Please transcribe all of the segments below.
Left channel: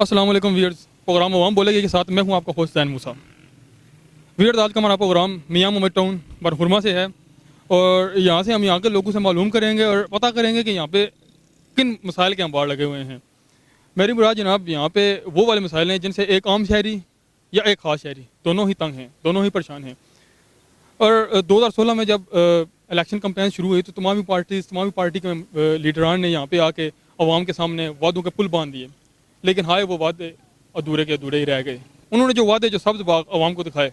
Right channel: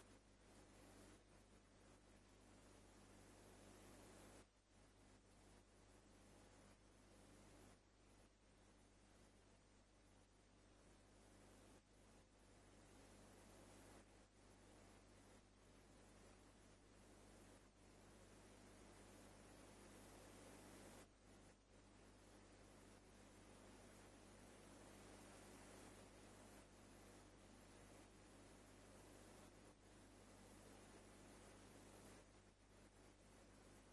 अस्सलाम वालेकुम viewers. Programme अवाम बोलेगी के साथ मैं हूं आपका होस्ट ज़ैन मूसा। व्यूअर्स, आज का हमारा प्रोग्राम मियां मोहम्मद टाउन बरहुरमा से है और यहाँ से हम यहाँ के लोगों से मालूम करेंगे और पता करेंगे कि यहाँ पे किन मसाइल के अंबार लगे हुए हैं। मेरी मुराद जनाब यहाँ पे वो वाले मसाइल हैं जिनसे एक आम शहरी या एक ख़ास शहरी दोनों ही तंग हैं, दोनों ही परेशान हैं। और 2016 में जब इलेक्शन कैंपेन शुरू हुई तो तमाम पार्टी के लीडरान ने यहाँ पे आके अवाम के सामने वादों के पुल बांध दिए, लेकिन हाय वो वादे अधूरे के अधूरे ही रह गए। उन्होंने जो वादे जो सब्ज़ बाग अवाम को दिखाए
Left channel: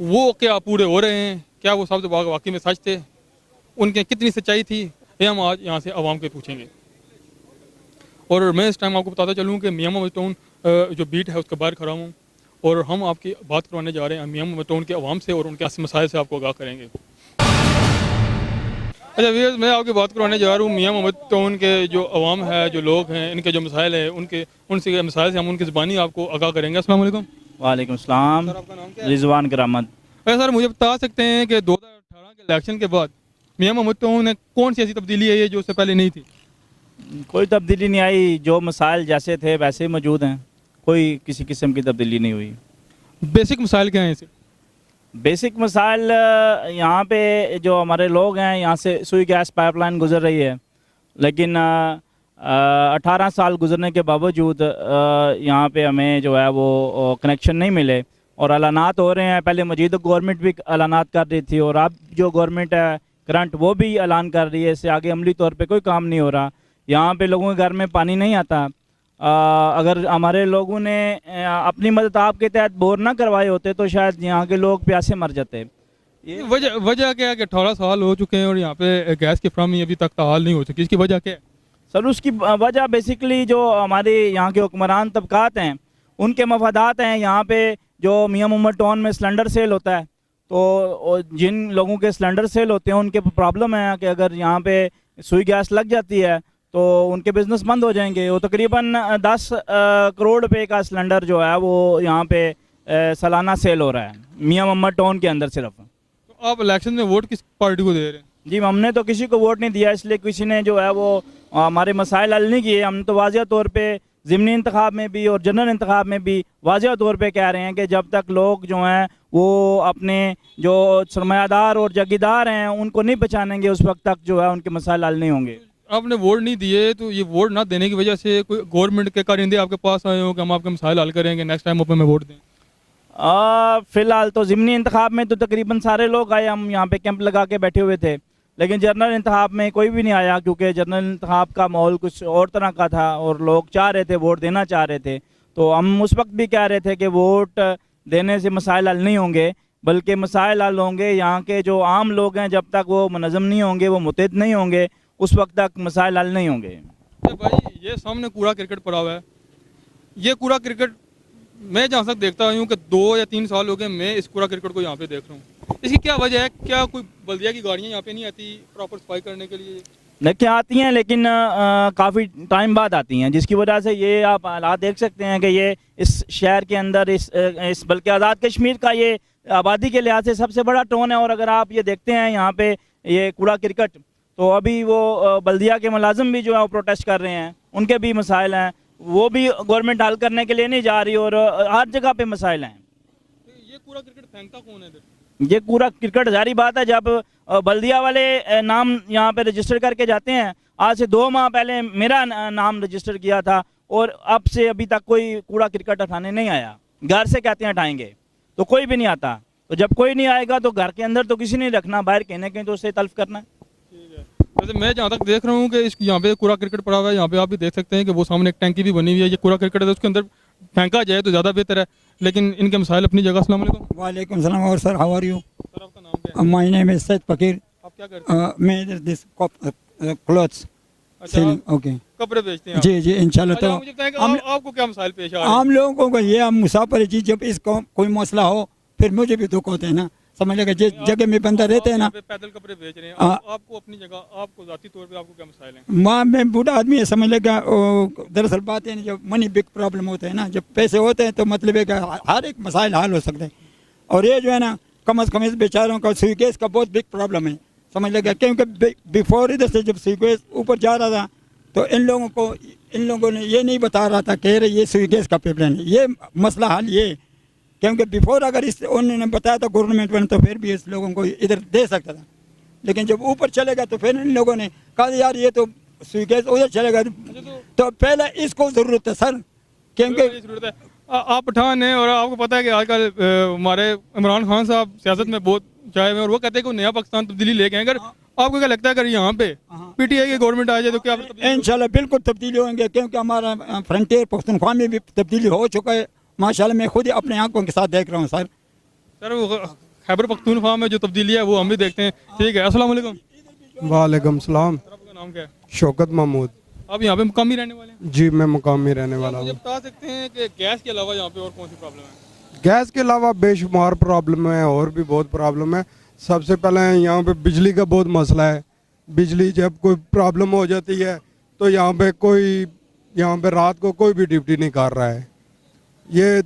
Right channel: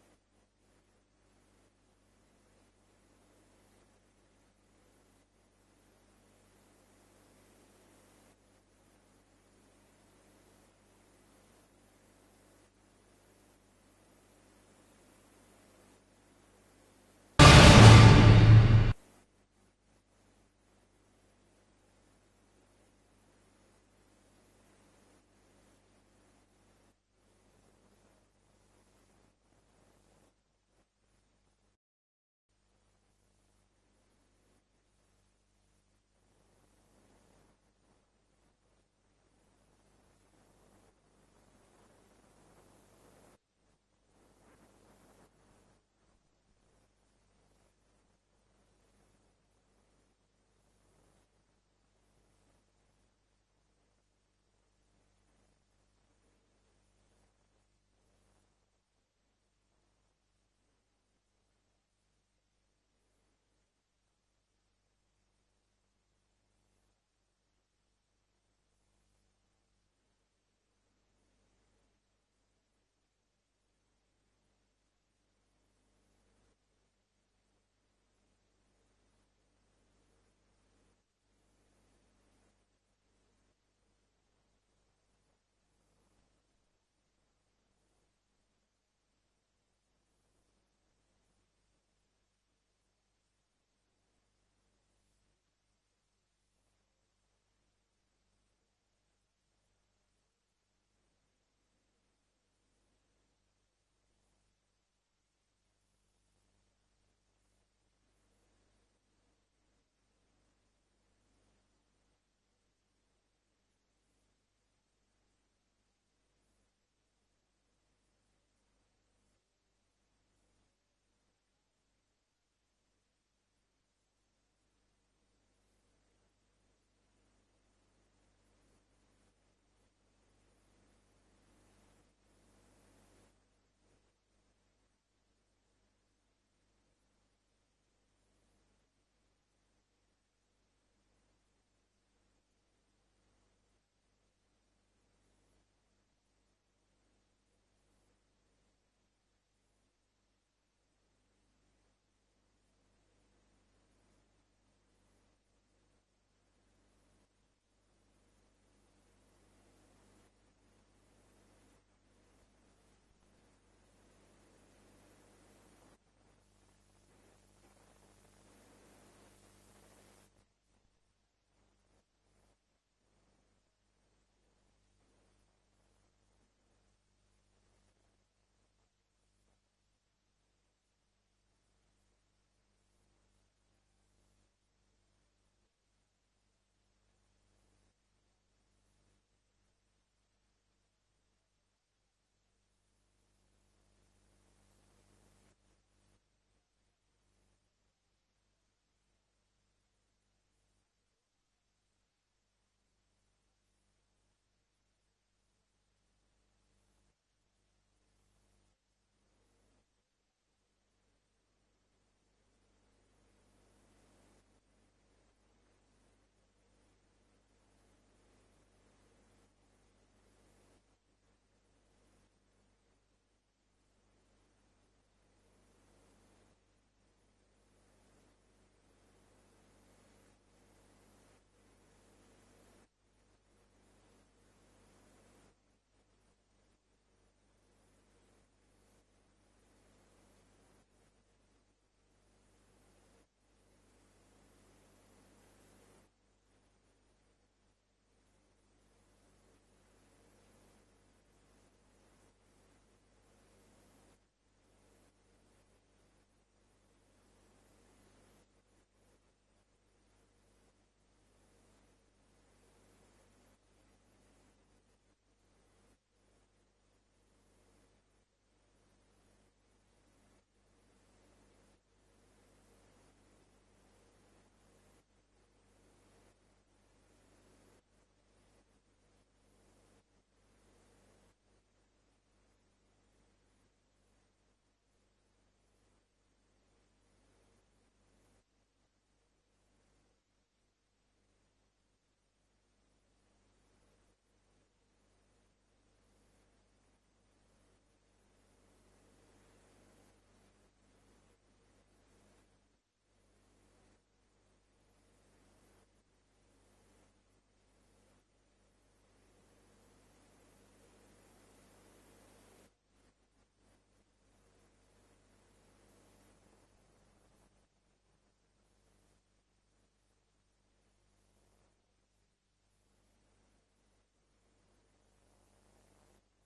वो क्या पूरे हो रहे हैं? क्या वो सब्ज़ बाग वाकई में सच थे? उनके कितनी सच्चाई थी? ये हम आज यहाँ से अवाम के पूछेंगे। और मैं इस टाइम आपको बताता चलूँ कि मियां मोहम्मद टाउन जो बीट है उसके बाहर खड़ा हूँ और हम आपकी बात करवाने जा रहे हैं मियां मोहम्मद टाउन के अवाम से और उनके मसाइल से आपको आगाह करेंगे। अच्छा व्यूअर्स, मैं आपकी बात करवाने जा रहा हूँ मियां मोहम्मद टाउन के जो अवाम है, जो लोग हैं, इनके जो मसाइल है उनसे मसाइल से हम उनकी ज़बानी आपको आगाह करेंगे। अस्सलाम वालेकुम। वालेकुम सलाम। सर, आपका नाम क्या है? रिजवान करामत। अच्छा सर, मुझे बता सकते हैं कि 2018 के इलेक्शन के बाद मियां मोहम्मद टाउन में कौन सी ऐसी तब्दीली आई है जो उससे पहले नहीं थी? कोई तब्दीली नहीं आई, जो मसाइल जैसे थे वैसे ही मौजूद हैं, कोई किसी किस्म की तब्दीली नहीं हुई। बेसिक मसाइल क्या हैं इसे? बेसिक मसाइल यहाँ पे जो हमारे लोग हैं, यहाँ से सुई गैस पाइपलाइन गुजर रही है, लेकिन 18 साल गुजरने के बावजूद यहाँ पे हमें जो है वो कनेक्शन नहीं मिले और ऐलानात हो रहे हैं। पहले मौजूदा गवर्नमेंट भी ऐलानात कर रही थी और अब जो गवर्नमेंट है करंट वो भी ऐलान कर रही है, इससे आगे अमली तौर पे कोई काम नहीं हो रहा। यहाँ पे लोगों के घर में पानी नहीं आता। अगर हमारे लोगों ने अपनी मदद आपके तहत बोर ना करवाए होते तो शायद यहाँ के लोग प्यासे मर जाते। ये वजह वजह क्या है कि 18 साल हो चुके हैं और यहाँ पे गैस की फ्राहमी अभी तक ताहाल नहीं हो सकी? इसकी वजह क्या है? सर, उसकी वजह बेसिकली जो हमारे यहाँ के हुक्मरान तबकात हैं उनके मफादात हैं। यहाँ पे जो मियां मोहम्मद टाउन में सिलेंडर सेल होता है तो जिन लोगों के सिलेंडर सेल होते हैं उनके प्रॉब्लम है कि अगर यहाँ पे सुई गैस लग जाती है तो उनके बिज़नेस बंद हो जाएंगे। वो तकरीबन 10 करोड़ रुपए का सिलेंडर जो है वो यहाँ पे सालाना सेल हो रहा है मियां मोहम्मद टाउन के अंदर सिर्फ। तो आप इलेक्शन में वोट किस पार्टी को दे रहे हैं? जी, हमने तो किसी को वोट नहीं दिया, इसलिए किसी ने जो है वो हमारे मसाइल हल नहीं किए। हम तो वाज़िया तौर पे ज़िमनी इंतखाब में भी और जनरल इंतखाब में भी वाज़िया तौर पे कह रहे हैं कि जब तक लोग जो हैं वो अपने जो सरमायादार और जागीरदार हैं उनको नहीं पहचानेंगे उस वक्त तक जो है उनके मसाइल हल नहीं होंगे। आपने वोट नहीं दिए तो ये वोट ना देने की वजह से कोई गवर्नमेंट के कारिंदे आपके पास आए हो कि हम आपके मसाइल हल करेंगे, नेक्स्ट टाइम आप हमें वोट दें? फ़िलहाल तो ज़िमनी इंतखाब में तो तकरीबन सारे लोग आए, हम यहाँ पे कैंप लगा के बैठे हुए थे, लेकिन जनरल इंतखाब में कोई भी नहीं आया क्योंकि जनरल इंतखाब का माहौल कुछ और तरह का था और लोग चाह रहे थे, वोट देना चाह रहे थे। तो हम उस वक्त भी कह रहे थे कि वोट देने से मसाइल हल नहीं होंगे, बल्कि मसाइल हल होंगे यहाँ के जो आम लोग हैं, जब तक वो मुनज़्ज़म नहीं होंगे, वो मुत्तहिद नहीं होंगे, उस वक्त तक मसाइल हल नहीं होंगे। अरे भाई, ये सामने कूड़ा क्रिकेट पड़ा हुआ है। ये कूड़ा क्रिकेट मैं जहाँ तक देखता हूँ कि 2 या 3 साल हो गए मैं इस कूड़ा क्रिकेट को यहाँ पे देख रहा हूँ। इसकी क्या वजह है? क्या कोई बल्दिया की गाड़ियाँ यहाँ पे नहीं आती प्रॉपर सफाई करने के लिए? देखिए, आती हैं लेकिन काफ़ी टाइम बाद आती हैं, जिसकी वजह से ये आप हालात देख सकते हैं कि ये इस शहर के अंदर इस बल्कि आज़ाद कश्मीर का ये आबादी के लिहाज से सबसे बड़ा टाउन है। और अगर आप ये देखते हैं यहाँ पे ये कूड़ा क्रिकेट, तो अभी वो बल्दिया के मुलाजिम भी जो है वो प्रोटेस्ट कर रहे हैं, उनके भी मसाइल हैं, वो भी गवर्नमेंट हल करने के लिए नहीं जा रही और हर जगह पे मसाइल हैं। तो ये कूड़ा क्रिकेट फेंकता कौन है इधर? ये कूड़ा क्रिकेट जारी बात है, जब बल्दिया वाले नाम यहाँ पे रजिस्टर करके जाते हैं। आज से 2 माह पहले मेरा नाम रजिस्टर किया था और अब से अभी तक कोई कूड़ा क्रिकेट उठाने नहीं आया। घर से कहते हैं हटाएंगे तो कोई भी नहीं आता। तो जब कोई नहीं आएगा तो घर के अंदर तो किसी नहीं रखना, बाहर कहने कहीं तो उससे तल्फ करना है। ठीक है। वैसे मैं जहाँ तक देख रहा हूँ कि इस यहाँ पे कूड़ा क्रिकेट पड़ा हुआ है, यहाँ पे आप भी देख सकते हैं कि वो सामने एक टैंकी भी बनी हुई है। ये कूड़ा क्रिकेट है, उसके अंदर फेंका जाए तो ज़्यादा बेहतर है, लेकिन इनके मसाइल अपनी जगह। अस्सलाम वालेकुम। वालेकुम सलाम। और sir, how are you? Sir, आपका नाम क्या है? माय नेम इज सैयद फकीर। आप क्या करते हैं? मैं दिस क्लॉथ्स अच्छा, सेलिंग। ओके कपड़े बेचते हैं आप? जी जी, इंशाल्लाह। अच्छा, तो मुझे बताएं कि हम आपको क्या मसाइल पेश आ रहे हैं? आम लोगों को ये हम मुसाफिर जी, जब इसको कोई मसला हो फिर मुझे भी दुख होते हैं ना। समझ लेगा जिस जगह में बंदा रहते हैं ना। आप यहाँ पे पैदल कपड़े बेच रहे हैं, आपको अपनी जगह, आपको जाती तौर पे आपको क्या मसाइल हैं? माँ में बूढ़ा आदमी है, समझ लेगा। दरअसल बात है ना, जब मनी बिग प्रॉब्लम होते हैं ना, जब पैसे होते हैं तो मतलब है कि हर एक मसाइल हल हो सकते हैं। और ये जो है ना, कम अज़ कम इस बेचारों का स्वीकेस का बहुत बिग प्रॉब्लम है, समझ लेगा। क्योंकि बिफोर इधर से जब स्वीकेस ऊपर जा रहा था तो इन लोगों को इन लोगों ने ये नहीं बता रहा था, कह रहे ये सुई गैस का पाइपलाइन है। ये मसला हल ये, क्योंकि बिफोर अगर इस उन्होंने बताया था गवर्नमेंट वाले, तो फिर भी इस लोगों को इधर दे सकता था। लेकिन जब ऊपर चलेगा तो फिर इन लोगों ने कहा यार ये तो सुई गैस उधर चलेगा, तो पहले इसको ज़रूरत है सर, क्योंकि जरूरत है। आप पठान हैं और आपको पता है कि आजकल हमारे इमरान खान साहब सियासत में बहुत चाहे में, और वो कहते हैं कि नया पाकिस्तान तब्दीली लेके आए। अगर आपको क्या लगता है अगर यहाँ पे पीटीआई की गवर्नमेंट आ जाए तो क्या इंशाल्लाह बिल्कुल तब्दीली होंगे, क्योंकि हमारा फ्रंटियर पख्तूनख्वा में भी तब्दीली हो चुका है माशाल्लाह। मैं खुद ही अपने आंखों के साथ देख रहा हूँ सर। सर वो खैबर पख्तूनख्वा में जो तब्दीली है वो हम भी देखते हैं। ठीक है, अस्सलाम वालेकुम। वालेकुम सलाम। सर आपका नाम क्या है? शौकत महमूद। आप यहाँ पे मुकामी रहने वाले हैं? जी मैं मुकामी रहने वाला मुझे हूँ। बता सकते हैं कि गैस के अलावा यहाँ पे और कौन सी प्रॉब्लम है? गैस के अलावा बेशुमार प्रॉब्लम है, और भी बहुत प्रॉब्लम है। सबसे पहले यहाँ पे बिजली का बहुत मसला है। बिजली जब कोई प्रॉब्लम हो जाती है तो यहाँ पे रात को कोई भी ड्यूटी नहीं कर रहा है। ये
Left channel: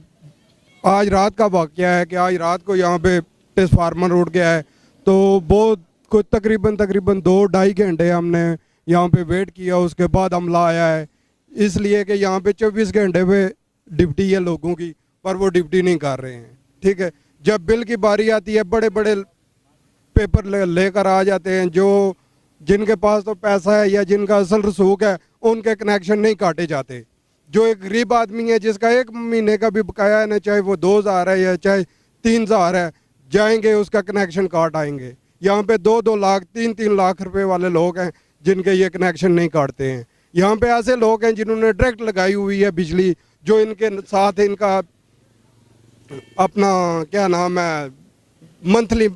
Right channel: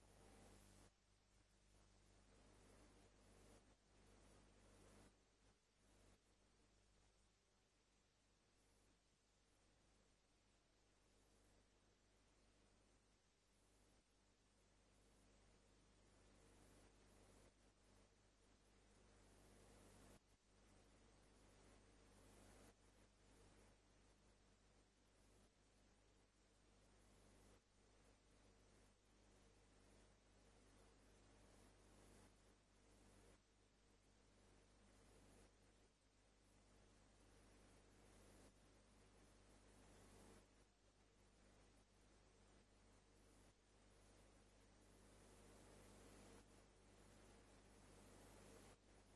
आज रात का वाक़या है कि आज रात को यहाँ पे ट्रांसफार्मर उड़ गया है, तो बहुत कुछ तकरीबन 2-2.5 घंटे हमने यहाँ पे वेट किया, उसके बाद हमला आया है। इसलिए कि यहाँ पे 24 घंटे पे ड्यूटी है लोगों की, पर वो ड्यूटी नहीं कर रहे हैं। ठीक है, जब बिल की बारी आती है बड़े बड़े पेपर लेकर आ जाते हैं, जो जिनके पास तो पैसा है या जिनका असल रसूख है उनके कनेक्शन नहीं काटे जाते। जो एक गरीब आदमी है जिसका 1 महीने का भी बकाया है ना, चाहे वो 2,000 है या चाहे 3,000 है, जाएंगे उसका कनेक्शन काट आएंगे। यहाँ पे 2-2 लाख 3-3 लाख रुपए वाले लोग हैं जिनके ये कनेक्शन नहीं काटते हैं। यहाँ पे ऐसे लोग हैं जिन्होंने डायरेक्ट लगाई हुई है बिजली, जो इनके साथ इनका अपना क्या नाम है मंथली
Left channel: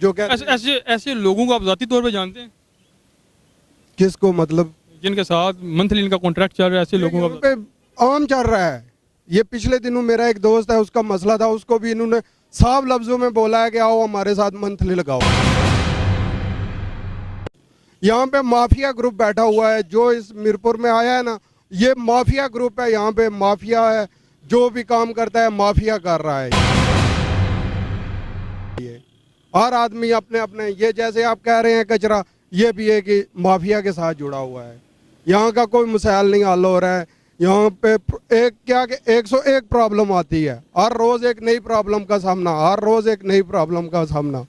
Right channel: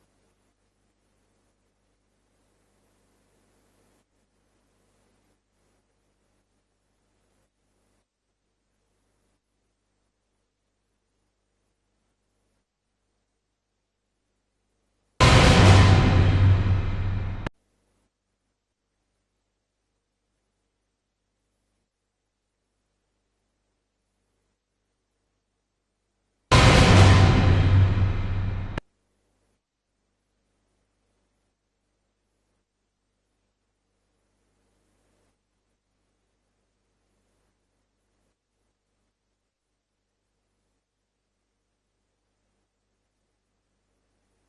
जो क्या ऐसे लोगों को आप ज़ाती तौर पे जानते हैं किसको, मतलब जिनके साथ मंथली इनका कॉन्ट्रैक्ट चल रहा है? ऐसे लोगों यहाँ का पे आम चल रहा है। ये पिछले दिनों मेरा एक दोस्त है, उसका मसला था, उसको भी इन्होंने साफ लफ्जों में बोला है कि आओ हमारे साथ मंथली लगाओ। यहाँ पे माफिया ग्रुप बैठा हुआ है जो इस मीरपुर में आया है ना, ये माफिया ग्रुप है। यहाँ पे माफिया है, जो भी काम करता है माफिया कर रहा है। ये हर आदमी अपने अपने, ये जैसे आप कह रहे हैं कचरा, ये भी है कि माफिया के साथ जुड़ा हुआ है। यहाँ का कोई मसाइल नहीं हल हो रहा है। यहाँ पे एक क्या कि 101 प्रॉब्लम आती है, हर रोज एक नई प्रॉब्लम का सामना, हर रोज एक नई प्रॉब्लम का सामना।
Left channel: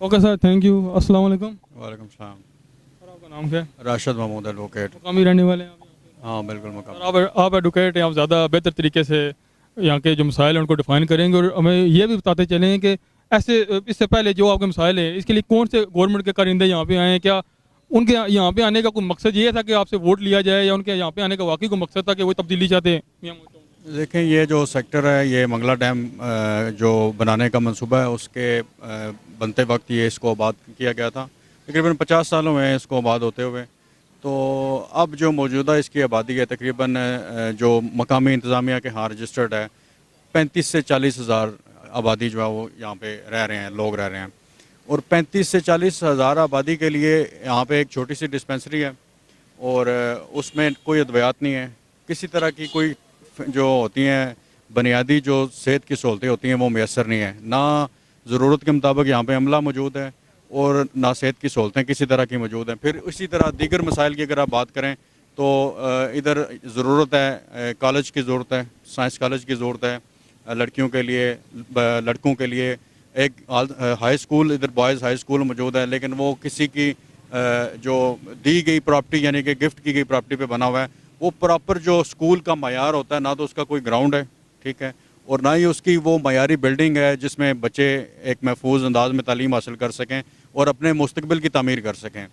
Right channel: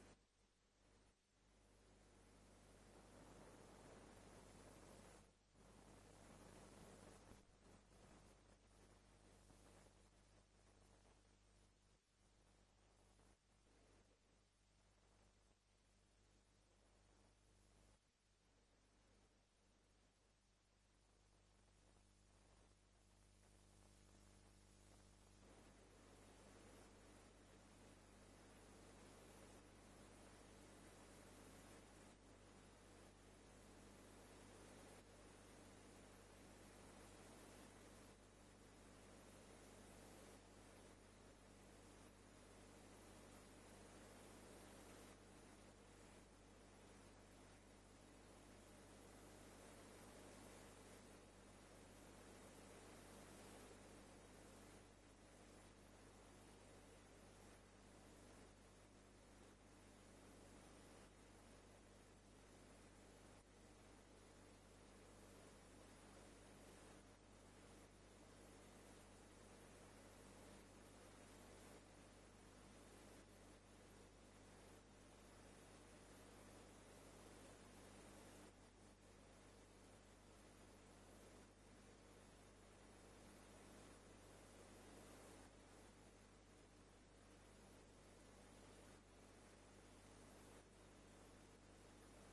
Okay sir, thank you. अस्सलाम वालेकुम। वालेकुम सलाम। सर आपका नाम क्या है? राशिद महमूद एडवोकेट। मुकामी रहने वाले हैं आप? हाँ बिल्कुल मुकाम। सर आप एडवोकेट हैं, आप ज़्यादा बेहतर तरीके से यहाँ के जो मसाइल हैं उनको डिफाइन करेंगे, और हमें ये भी बताते चलें कि ऐसे इससे पहले जो आपके मसाइल हैं इसके लिए कौन से गवर्नमेंट के कारिंदे यहाँ पे आए हैं? क्या उनके यहाँ पे आने का कोई मकसद ये था कि आपसे वोट लिया जाए, या उनके यहाँ पे आने का वाकई कोई मकसद था कि वो तब्दीली चाहते हैं? देखें, ये जो सेक्टर है, ये मंगला डैम जो बनाने का मंसूबा है, उसके बनते वक्त ये इसको आबाद किया गया था। तकरीबन 50 साल हुए हैं इसको आबाद होते हुए। तो अब जो मौजूदा इसकी आबादी है तकरीबन जो मकामी इंतज़ामिया के यहाँ रजिस्टर्ड है 35 से 40 हज़ार आबादी जो है वो यहाँ पे रह रहे हैं, लोग रह रहे हैं। और 35 से 40 हज़ार आबादी के लिए यहाँ पे एक छोटी सी डिस्पेंसरी है, और उसमें कोई अद्वियात नहीं है, किसी तरह की कोई जो होती हैं बुनियादी जो सेहत की सहूलतें होती हैं वो मैसर नहीं है। ना ज़रूरत के मुताबिक यहाँ पे अमला मौजूद है, और ना सेहत की सहूलतें किसी तरह की मौजूद हैं। फिर इसी तरह दीगर मसाइल की अगर आप बात करें तो इधर ज़रूरत है कॉलेज की ज़रूरत है, साइंस कॉलेज की ज़रूरत है लड़कियों के लिए, लड़कों के लिए एक हाई स्कूल, इधर बॉयज़ हाई स्कूल मौजूद है, लेकिन वो किसी की जो दी गई प्रॉपर्टी यानी कि गिफ्ट की गई प्रॉपर्टी पे बना हुआ है। वो प्रॉपर जो स्कूल का मयार होता है, ना तो उसका कोई ग्राउंड है, ठीक है, और ना ही उसकी वो मयारी बिल्डिंग है जिसमें बच्चे एक महफूज अंदाज में तालीम हासिल कर सकें और अपने मुस्तकबिल की तामीर कर सकें।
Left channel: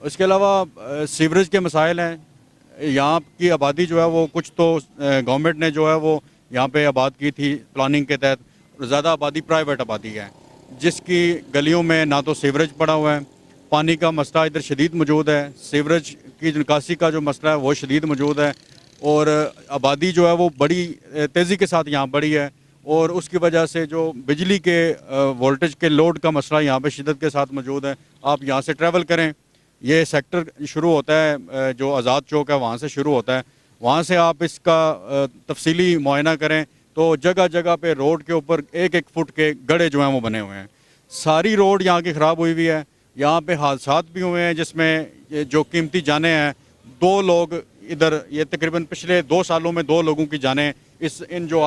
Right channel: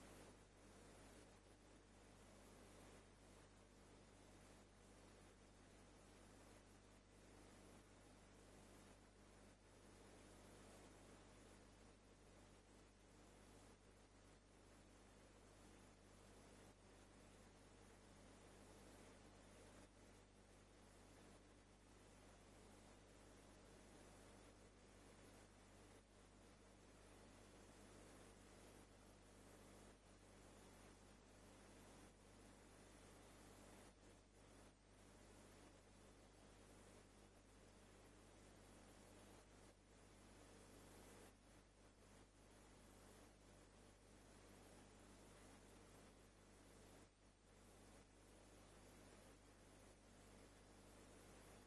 इसके अलावा सीवरेज के मसाइल हैं। यहाँ की आबादी जो है वो कुछ तो गवर्नमेंट ने जो है वो यहाँ पे आबाद की थी प्लानिंग के तहत, ज़्यादा आबादी प्राइवेट आबादी है जिसकी गलियों में ना तो सीवरेज पड़ा हुआ है, पानी का मसला इधर शदीद मौजूद है, सीवरेज की निकासी का जो मसला है वो शदीद मौजूद है, और आबादी जो है वो बड़ी तेज़ी के साथ यहाँ बढ़ी है, और उसकी वजह से जो बिजली के वोल्टेज के लोड का मसला यहाँ पे शिद्दत के साथ मौजूद है। आप यहाँ से ट्रैवल करें, ये सेक्टर शुरू होता है जो आज़ाद चौक है वहाँ से शुरू होता है, वहाँ से आप इसका तफसीली मुआयना करें तो जगह जगह पे रोड के ऊपर 1-1 फुट के गड्ढे जो हैं वो बने हुए हैं। सारी रोड यहाँ की ख़राब हुई हुई है। यहाँ पे हादसात भी हुए हैं जिसमें जो कीमती जानें हैं 2 लोग इधर, ये तकरीबन पिछले 2 सालों में 2 लोगों की जानें इन जो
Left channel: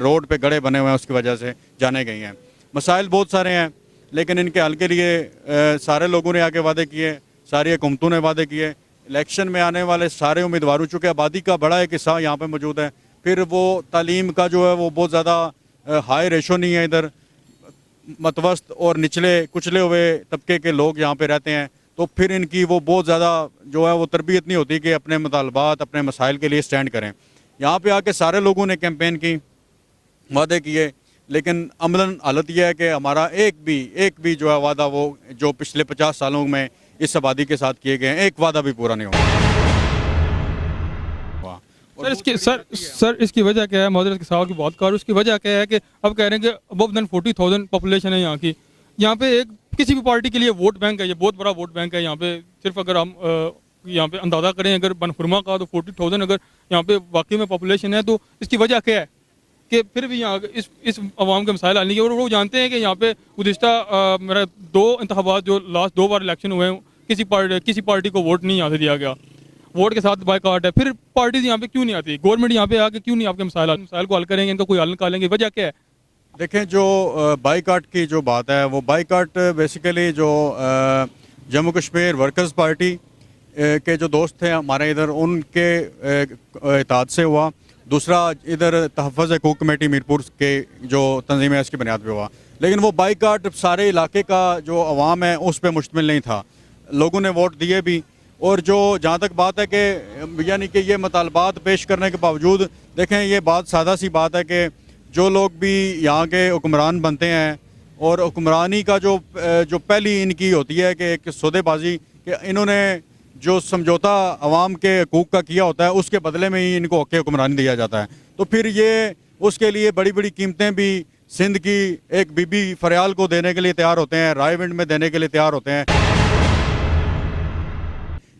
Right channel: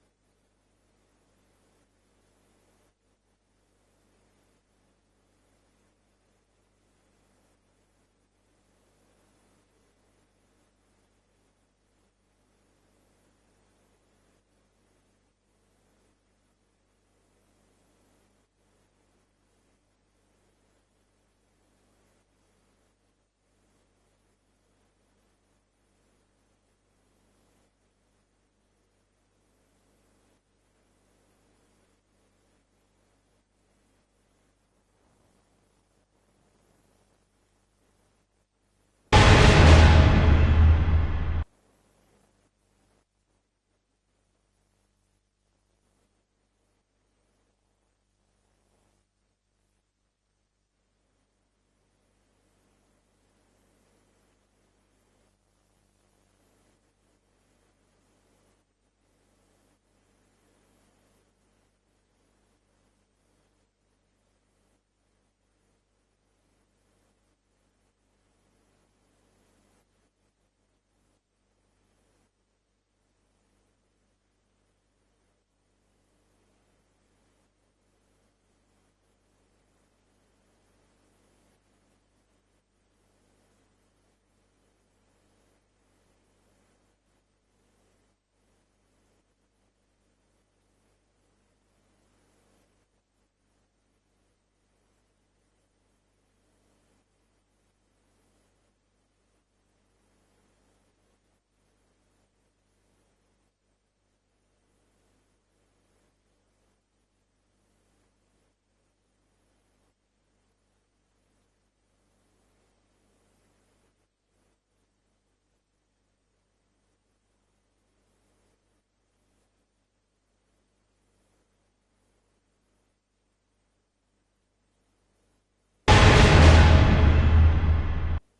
रोड पे गड्ढे बने हुए हैं उसकी वजह से जाने गई हैं। मसाइल बहुत सारे हैं, लेकिन इनके हल के लिए सारे लोगों ने आके वादे किए, सारी हुकूमतों ने वादे किए। इलेक्शन में आने वाले सारे उम्मीदवारों, चूँकि आबादी का बड़ा एक हिस्सा यहाँ पे मौजूद है, फिर वो तालीम का जो है वो बहुत ज़्यादा हाई रेशो नहीं है इधर, मतवस्त और निचले कुचले हुए तबके के लोग यहाँ पे रहते हैं, तो फिर इनकी वो बहुत ज़्यादा जो है वो तरबियत नहीं होती कि अपने मुतालबात, अपने मसाइल के लिए स्टैंड करें। यहाँ पे आके सारे लोगों ने कैंपेन की, वादे किए, लेकिन अमलन हालत यह है कि हमारा एक भी जो है वादा वो जो पिछले 50 सालों में इस आबादी के साथ किए गए हैं, एक वादा भी पूरा नहीं हुआ। सर इसकी वजह क्या है? मौजूद के साहब की बात कर, उसकी वजह क्या है कि अब कह रहे हैं कि अबव देन 40,000 पॉपुलेशन है यहाँ की। यहाँ पे एक किसी भी पार्टी के लिए वोट बैंक है, ये बहुत बड़ा वोट बैंक है यहाँ पे। सिर्फ अगर हम यहाँ पे अंदाज़ा करें अगर बनखुरमा का, तो 40,000 अगर यहाँ पे वाकई में पॉपुलेशन है, तो इसकी वजह क्या है कि फिर भी यहाँ इस अवाम के मसाइल हल नहीं किए। और वो जानते हैं कि यहाँ पे गुज़िश्ता मेरा 2 इंतखाबात जो लास्ट 2 बार इलेक्शन हुए हैं, किसी पार्टी को वोट नहीं यहाँ से दिया गया, वोट के साथ बायकॉट है। फिर पार्टीज यहाँ पे क्यों नहीं आती? गवर्नमेंट यहाँ पे आके क्यों नहीं आपके मसाइल को हल करेंगे, इनका कोई हल निकालेंगे? वजह क्या है? देखें, जो बाईकाट की जो बात है, वो बाईकाट बेसिकली जो जम्मू कश्मीर वर्कर्स पार्टी के जो दोस्त थे हमारे इधर, उनके इताद से हुआ। दूसरा इधर तहफ़्फ़ुज़ हकूक़ कमेटी मीरपुर के जो तंजीम है इसकी बुनियाद पे हुआ। लेकिन वो बाईकाट सारे इलाके का जो अवाम है उस पर मुश्तमिल नहीं था, लोगों ने वोट दिए भी। और जो जहाँ तक बात है कि यानी कि ये मुतालबात पेश करने के बावजूद, देखें ये बात सादा सी बात है कि जो लोग भी यहाँ के हुक्मरान बनते हैं, और हुक्मरानी का जो पहली इनकी होती है कि एक सौदेबाजी, कि इन्होंने जो समझौता अवाम के हकूक़ का किया होता है उसके बदले में ही इनको हक़ हुक्मरानी दिया जाता है। तो फिर ये उसके लिए बड़ी बड़ी कीमतें भी सिंध की एक बीबी फरियाल को देने के लिए तैयार होते हैं, रायविंड में देने के लिए तैयार होते हैं।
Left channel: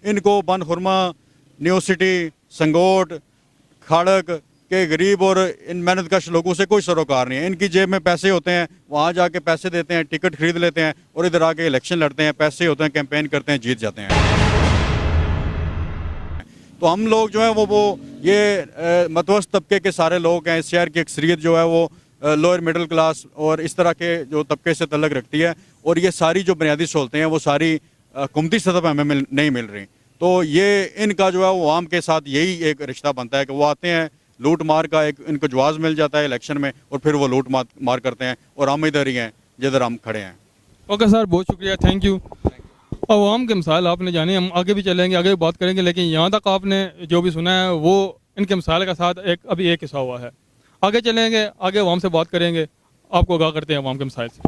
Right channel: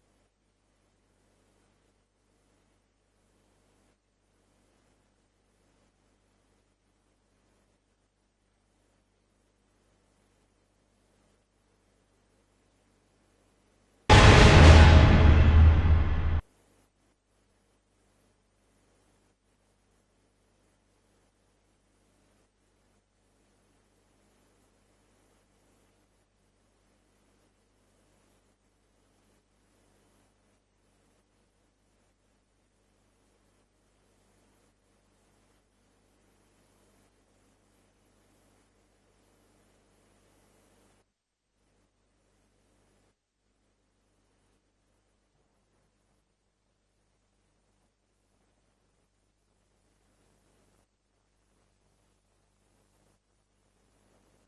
इनको बनखुरमा, न्यू सिटी, संगोट, खड़क के गरीब और इन मेहनतकश लोगों से कोई सरोकार नहीं है। इनकी जेब में पैसे होते हैं, वहाँ जाके पैसे देते हैं, टिकट खरीद लेते हैं और इधर आके इलेक्शन लड़ते हैं, पैसे होते हैं, कैंपेन करते हैं, जीत जाते हैं। तो हम लोग जो है वो ये मतवस्त तबके के सारे लोग हैं। इस शहर की अक्सरियत जो है वो लोअर मिडिल क्लास और इस तरह के जो तबके से तल्लक रखती है, और ये सारी जो बुनियादी सहूलतें हैं वो सारी हुकूमती सतह पर हमें नहीं मिल रही। तो ये इनका जो है वो आवाम के साथ यही एक रिश्ता बनता है कि वो आते हैं, लूट मार का एक इनको जवाब मिल जाता है इलेक्शन में, और फिर वो लूट मार करते हैं, और हम इधर ही हैं जिधर हम खड़े हैं। ओके सर, बहुत शुक्रिया, थैंक यू। अवाम के मसाइल आपने जाने, हम आगे भी चलेंगे, आगे भी बात करेंगे, लेकिन यहाँ तक आपने जो भी सुना है वो इनके मसाइल के साथ अभी एक हिस्सा हुआ है। आगे चलेंगे, आगे अवाम से बात करेंगे, आपको आगाह करते हैं अवाम के मसाइल से।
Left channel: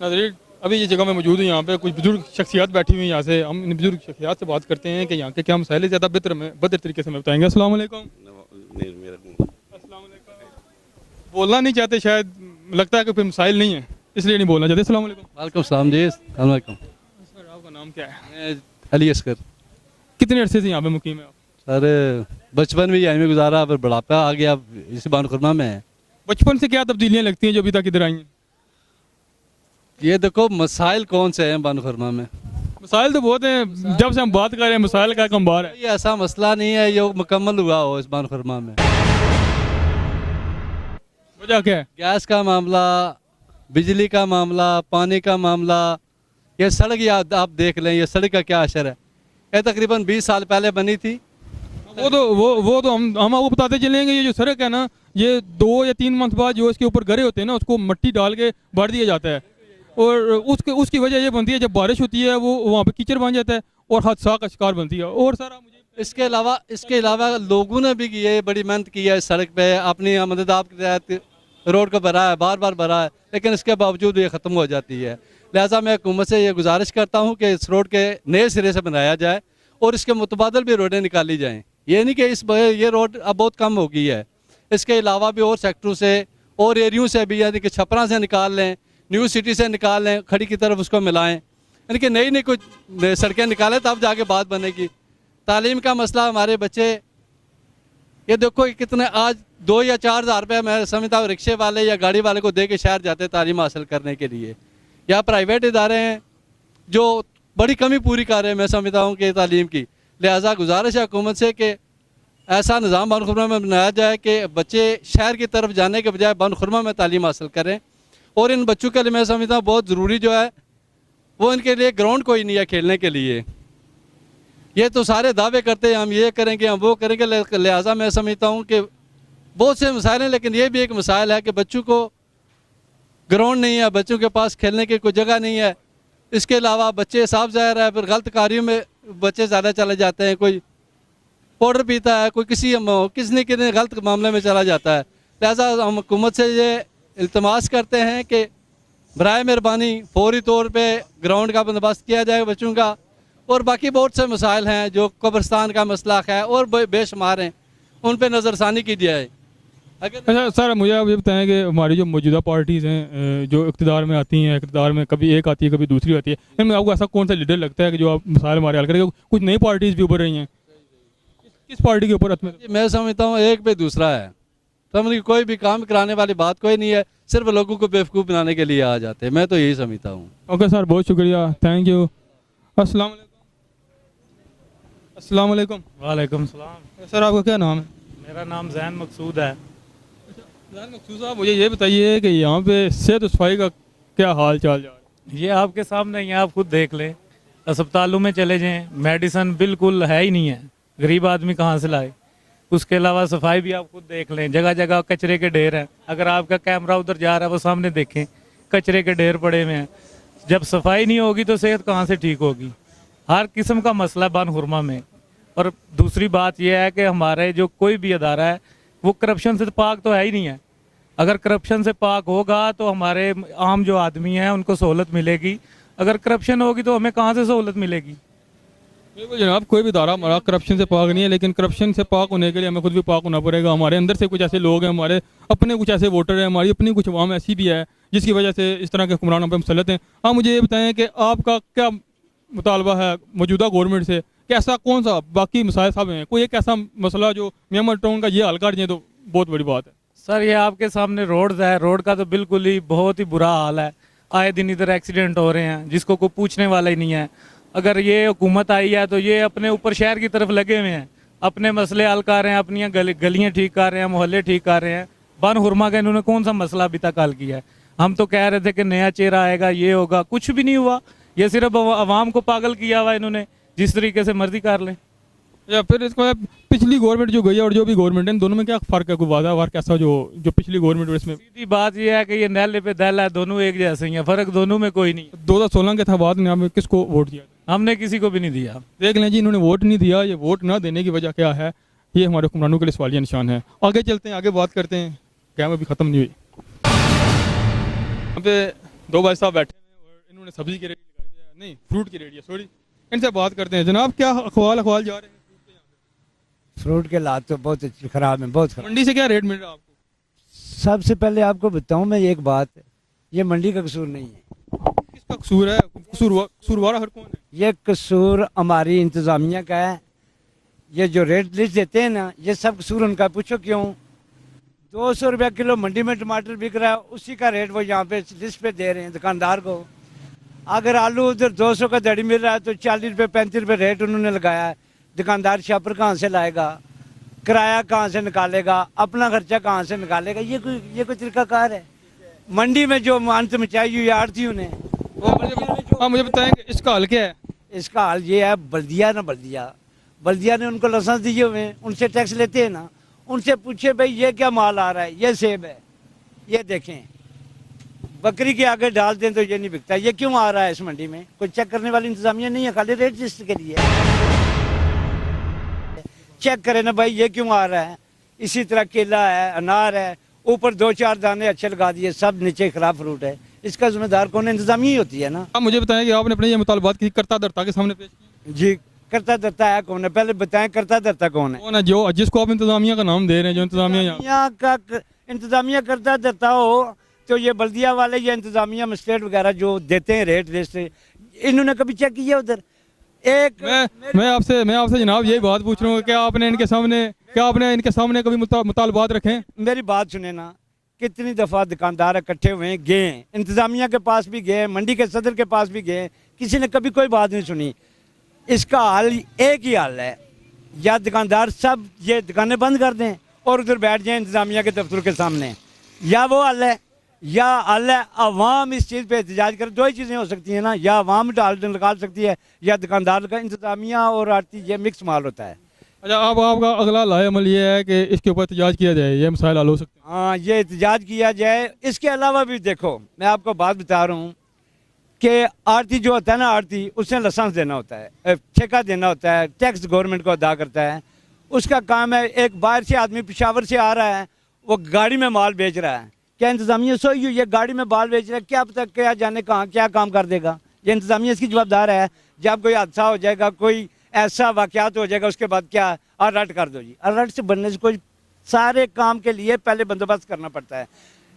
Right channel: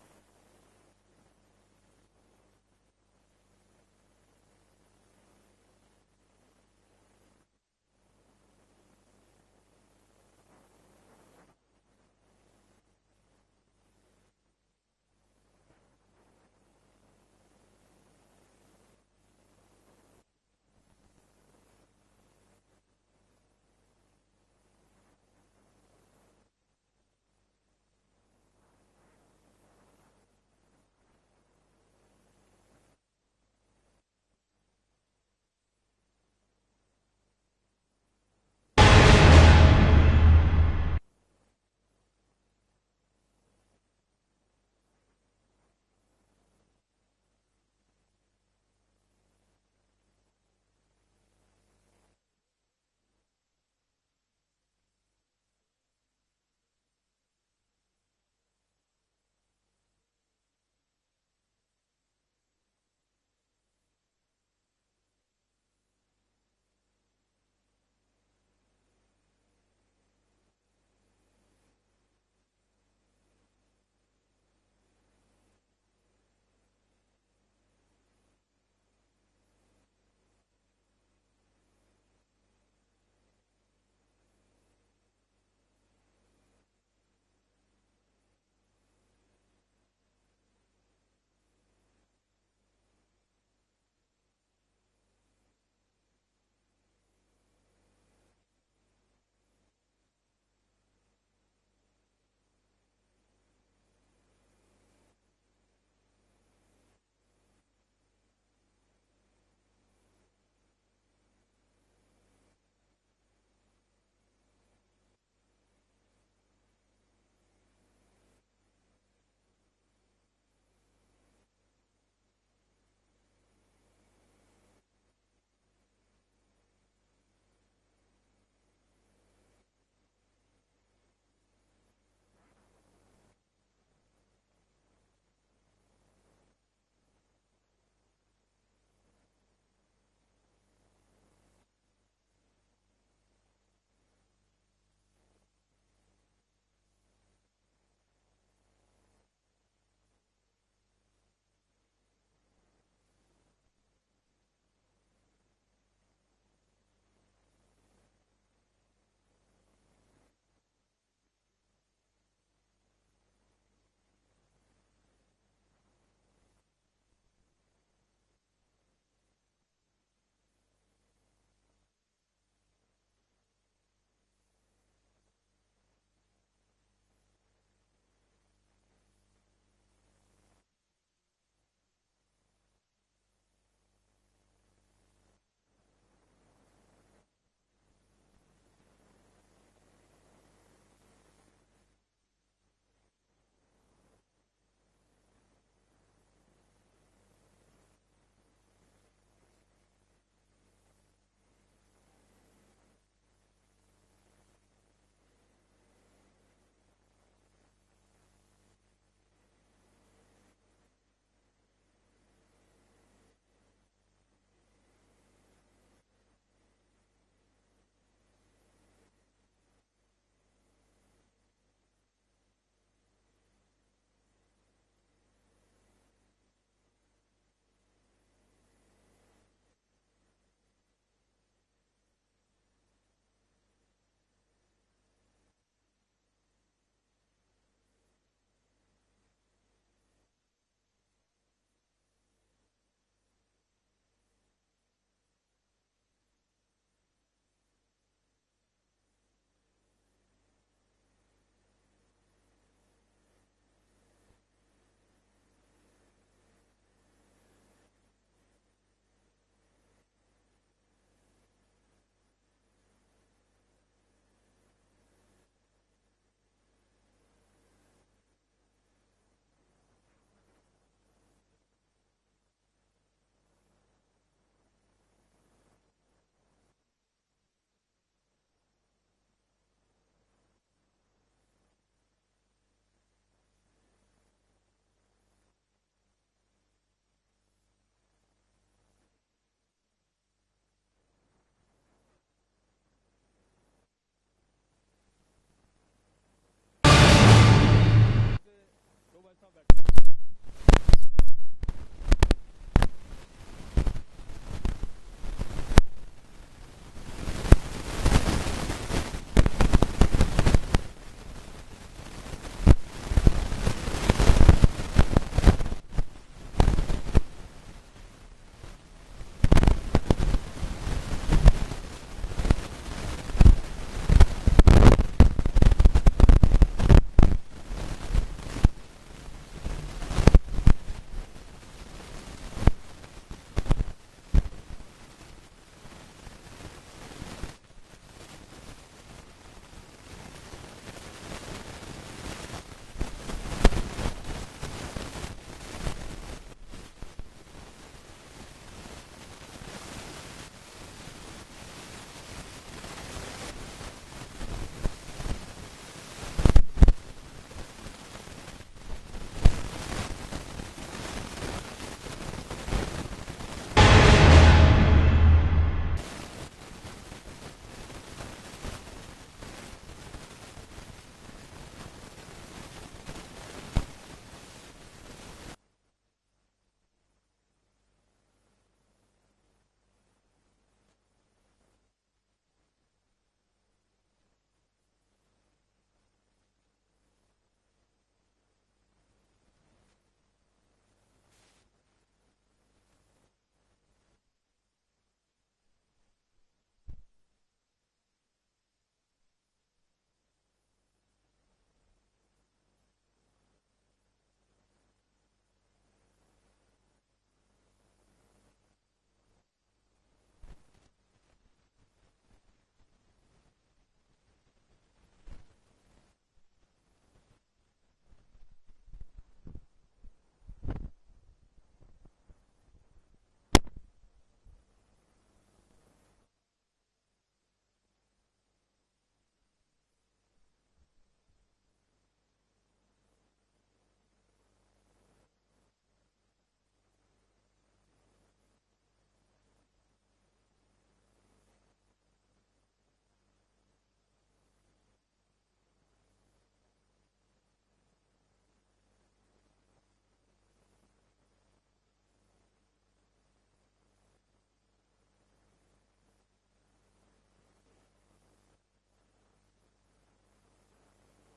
नाज़रीन, अभी ये जगह में मौजूद हूँ, यहाँ पे कुछ बुजुर्ग शख्सियात बैठी हुई हैं। यहाँ से हम इन बुजुर्ग शख्सियात से बात करते हैं कि यहाँ के क्या मसाइल ज़्यादा बेहतर तरीके से हमें बताएंगे। अस्सलाम वालेकुम। बोलना नहीं चाहते शायद, लगता है कि फिर मसाइल नहीं है इसलिए नहीं बोलना चाहते। अस्सलाम वालेकुम। वालेकुम सलाम जी। अस्सलाम वालेकुम। सर आपका नाम क्या है? मैं अली अस्कर। कितने अरसे से यहाँ पे मुकीम है आप? सर बचपन में यहीं में गुजारा, फिर बुढ़ापा आ गया, इस बनखुरमा में है। बचपन से क्या तब्दीलियाँ लगती हैं जो अभी तक इधर आई हैं? ये देखो मसाइल कौन से हैं बनखुरमा में। मसाइल तो बहुत हैं, जब से हम बात कर रहे हैं मसाइल का कम बार है। ये ऐसा मसला नहीं है जो मुकम्मल हुआ हो इस बनखुरमा में। वजह क्या है? गैस का मामला, बिजली का मामला, पानी का मामला, ये सड़क आप देख लें, ये सड़क का क्या असर है। ये तकरीबन 20 साल पहले बनी थी। वो तो हम आपको बताते चलेंगे। ये जो सड़क है ना, ये 2 या 3 मंथ बाद जो इसके ऊपर गरे होते हैं ना, उसको मिट्टी डाल के भर दिया जाता है, और उसकी वजह ये बनती है जब बारिश होती है वो वहाँ पे कीचड़ बन जाता है और हादसा का शिकार बनती है। और सारा मुझे इसके अलावा लोगों ने भी ये बड़ी मेहनत की है इस सड़क पे, अपनी आमददाब के तहत रोड को भरा है, बार बार भरा है, लेकिन इसके बावजूद ये ख़त्म हो जाती है। लिहाजा मैं हुकूमत से ये गुजारिश करता हूँ कि इस रोड के नए सिरे से बनाया जाए और इसके मुतबादल भी रोडें निकाली जाएँ। ये नहीं कि ये रोड अब बहुत कम हो गई है, इसके अलावा भी और सेक्टरों से और एरियों से भी, यानी कि छपरा से निकाल लें, न्यू सिटी से निकाल लें, खड़ी की तरफ उसको मिलाएं, यानी कि नई कुछ सड़कें निकालें, तब जाके बात बनेगी। तालीम का मसला, हमारे बच्चे ये देखो कितने आज 2 या 4 हज़ार रुपये मैं समझता हूँ रिक्शे वाले या गाड़ी वाले को दे के शहर जाते हैं तालीम हासिल करने के लिए। या प्राइवेट इदारे हैं जो बड़ी कमी पूरी कर रहे हैं मैं समझता हूँ कि तालीम की। लिहाजा गुजारिश है हुकूमत से कि ऐसा निज़ाम बन खुरमा में बनाया जाए कि बच्चे शहर की तरफ जाने के बजाय बन खुरमा में तालीम हासिल करें। और इन बच्चों के लिए मैं समझता हूँ बहुत ज़रूरी जो है वो इनके लिए ग्राउंड कोई नहीं है खेलने के लिए। ये तो सारे दावे करते हैं हम ये करेंगे हम वो करेंगे, लिहाजा मैं समझता हूँ कि बहुत से मसाइल हैं, लेकिन ये भी एक मसाइल है कि बच्चों को ग्राउंड नहीं है, बच्चों के पास खेलने की कोई जगह नहीं है। इसके अलावा बच्चे साफ ज़ाहिर है फिर गलत कार्यों में बच्चे ज़्यादा चले जाते हैं, कोई पाउडर पीता है, कोई किसी गलत मामले में चला जाता है। लिहाजा हम हुकूमत से ये इल्तमास करते हैं कि बराए मेहरबानी फौरी तौर पे ग्राउंड का बंदोबस्त किया जाए बच्चों का। और बाकी बहुत से मसाइल हैं जो कब्रिस्तान का मसला है और बेशुमार हैं, उन पर नज़रसानी की जाए। अच्छा सर, मुझे आप ये बताएं कि हमारी जो मौजूदा पार्टीज़ हैं जो इक़्तिदार में आती हैं, इक़्तिदार में कभी एक आती है कभी दूसरी आती है, इनमें आपको ऐसा कौन सा लीडर लगता है कि जो आप मसाइल हमारे हल करेंगे? कुछ नई पार्टीज़ भी उभर रही हैं, किस पार्टी के ऊपर? मैं समझता हूँ एक पे दूसरा है, समझ कि कोई भी काम कराने वाली बात कोई नहीं है, सिर्फ लोगों को बेवकूफ़ बनाने के लिए आ जाते हैं। मैं तो यही समझता हूँ। ओके सर, बहुत शुक्रिया, थैंक यू। अस्सलाम वालेकुम। वालेकुम सलाम। सर आपका क्या नाम है? मेरा नाम जैन मकसूद है। जैन मकसूद साहब, मुझे ये बताइए कि यहाँ पे सेहत सफाई का क्या हाल चाल जा रहा है? ये आपके सामने ही है, आप खुद देख लें। अस्पतालों में चले जाएं, मेडिसन बिल्कुल है ही नहीं है, गरीब आदमी कहाँ से लाए। उसके अलावा सफाई भी आप खुद देख लें, जगह जगह कचरे के ढेर हैं। अगर आपका कैमरा उधर जा रहा है वो सामने देखें, कचरे के ढेर पड़े हुए हैं। जब सफाई नहीं होगी तो सेहत कहाँ से ठीक होगी? हर किस्म का मसला बन हुरमा में। और दूसरी बात यह है कि हमारे जो कोई भी अदारा है वो करप्शन से पाक तो है ही नहीं है। अगर करप्शन से पाक होगा तो हमारे आम जो आदमी हैं उनको सहूलत मिलेगी, अगर करप्शन होगी तो हमें कहाँ से सहूलत मिलेगी? बिल्कुल जनाब, कोई भी इदारा हमारा करप्शन से पाक नहीं है, लेकिन करप्शन से पाक होने के लिए हमें खुद भी पाक होना पड़ेगा। हमारे अंदर से कुछ ऐसे लोग हैं, हमारे अपने कुछ ऐसे वोटर हैं, हमारी अपनी कुछ अवाम ऐसी भी है जिसकी वजह से इस तरह के हुक्मरान हम पे मुसल्लत हैं। आप मुझे ये बताएं कि आपका क्या मुतालबा है मौजूदा गवर्नमेंट से कि ऐसा कौन सा बाकी मसाइल साहब हैं, कोई एक ऐसा मसला जो मियां टाउन का ये हल कर दें तो बहुत बड़ी बात है। सर ये आपके सामने रोड है, रोड का तो बिल्कुल ही बहुत ही बुरा हाल है। आए दिन इधर एक्सीडेंट हो रहे हैं जिसको कोई पूछने वाला ही नहीं है। अगर ये हुकूमत आई है तो ये अपने ऊपर शहर की तरफ लगे हुए हैं, अपने मसले हल कर रहे हैं, अपनी गलियाँ ठीक कर रहे हैं, मोहल्ले ठीक कर रहे हैं। बन हुरमा का इन्होंने कौन सा मसला अभी तक हल किया है? हम तो कह रहे थे कि नया चेहरा आएगा, ये होगा, कुछ भी नहीं हुआ। ये सिर्फ आवाम को पागल किया हुआ इन्होंने, जिस तरीके से मर्जी कर लें। या फिर इसको पिछली गवर्नमेंट जो गई है और जो भी गवर्नमेंट है, इन दोनों में क्या फ़र्क है? कोई वादा वार कैसा जो पिछली गवर्नमेंट इसमें? सीधी बात यह है कि ये नैले पे दल है, दोनों एक जैसे ही हैं, फ़र्क दोनों में कोई नहीं। 2016 के था बाद में आपने किसको वोट दिया? हमने किसी को भी नहीं दिया। देख लें जी, इन्होंने वोट नहीं दिया। ये वोट ना देने की वजह क्या है, ये हमारे हुक्मरानों के लिए सवालिया निशान है। आगे चलते हैं, आगे बात करते हैं। कैम अभी ख़त्म नहीं हुई। यहाँ पे दो भाई साहब बैठे, इन्होंने सब्जी की रेडी नहीं फ्रूट की रेडी है, सॉरी। इनसे बात करते हैं। जनाब क्या अखबार जा रहे हैं? फ्रूट के हालात तो बहुत ख़राब हैं, बहुत ख़राब। मंडी से क्या रेट मिल रहा है? सबसे पहले आपको बताऊं मैं एक बात, ये मंडी का कसूर नहीं, कसूर है कसूरवार हर कौन? ये कसूर हमारी इंतज़ामिया का है। ये जो रेट लिस्ट देते हैं ना, ये सब कसूर उनका। पूछो क्यों? 200 रुपया किलो मंडी में टमाटर बिक रहा है, उसी का रेट वो यहाँ पे लिस्ट पे दे रहे हैं दुकानदार को। अगर आलू उधर 200 का दड़ी मिल रहा है तो 40 रुपये 35 रुपये रेट उन्होंने लगाया है। दुकानदार शॉपर कहाँ से लाएगा? किराया कहाँ से निकालेगा? अपना खर्चा कहाँ से निकालेगा? ये कोई तरीकाकार है? मंडी में जो अंत मचाई हुई आड़तियों ने, वो मुझे बताएं कि इसका हल क्या है? इसका हाल ये है, बल्दिया ने उनको लाइसेंस दिए हुए हैं, उनसे टैक्स लेते हैं ना, उनसे पूछे भाई ये क्या माल आ रहा है, ये सेब है, ये देखें। बकरी के आगे डाल दें तो ये नहीं बिकता, ये क्यों आ रहा है इस मंडी में? कोई चेक करने वाली इंतजामिया नहीं है, खाली रेट लिस्ट के लिए चेक करें ना भाई ये क्यों आ रहा है। इसी तरह केला है, अनार है, ऊपर 2-4 दाने अच्छे लगा दिए, सब नीचे खराब फ्रूट है। इसका जिम्मेदार कौन है? इंतजामिया ही होती है ना। आप मुझे बताएं कि आपने अपने ये मुतालबात किसी कर्ता धर्ता के सामने पेश किए? जी, करता धरता है कौन है? पहले बताएं करता धरता कौन है? कौन है जो जिसको आप इंतजामिया का नाम दे रहे हैं? जो इंतजामिया करता धरता हो तो ये बल्दिया वाले या इंतजामिया मजिस्ट्रेट वगैरह जो देते हैं रेट लिस्ट, इन्होंने कभी चेक किया उधर? मैं आपसे जनाब यही बात पूछ रहा हूँ, क्या आपने इनके सामने कभी मुतालबात रखे? मेरी बात सुने ना, कितनी दफ़ा दुकानदार इकट्ठे हुए गए हैं, इंतजामिया के पास भी गए, मंडी के सदर के पास भी गए, किसी ने कभी कोई बात नहीं सुनी। इसका हल एक ही हल है, या दुकानदार सब ये दुकानें बंद कर दें और उधर बैठ जाएं इंतज़ामिया के दफ्तर के सामने, या वो हल है, या हल है अवाम इस चीज़ पे एहतजाज करे। दो ही चीज़ें हो सकती हैं ना, या अवाम डाल निकाल सकती है या दुकानदार का। इंतज़ामिया और आरती ये मिक्स माल होता है। अच्छा, अब आपका अगला लाएमल ये है कि इसके ऊपर एहतजाज किया जाए, ये मसाइल हल हो सकते हैं। हाँ, ये एहतजाज किया जाए। इसके अलावा भी देखो, मैं आपको बात बता रहा हूँ कि आरती जो होता है ना, आरती उसने लाइसेंस देना होता है, ठेका देना होता है, टैक्स गवर्नमेंट को अदा करता है। उसका काम है, एक बाहर से आदमी पेशावर से आ रहा है, वो गाड़ी में माल बेच रहा है, क्या इंतज़ामिया सोई हुई है गाड़ी में माल बेच रहा है, क्या पता क्या जाने कहाँ क्या काम कर देगा। ये इंतज़ामिया इसकी जवाबदार है। जब कोई हादसा हो जाएगा, कोई ऐसा वाक़यात हो जाएगा, उसके बाद क्या अलर्ट कर दो जी। अलर्ट से बनने से कोई, सारे काम के लिए पहले बंदोबस्त करना पड़ता है।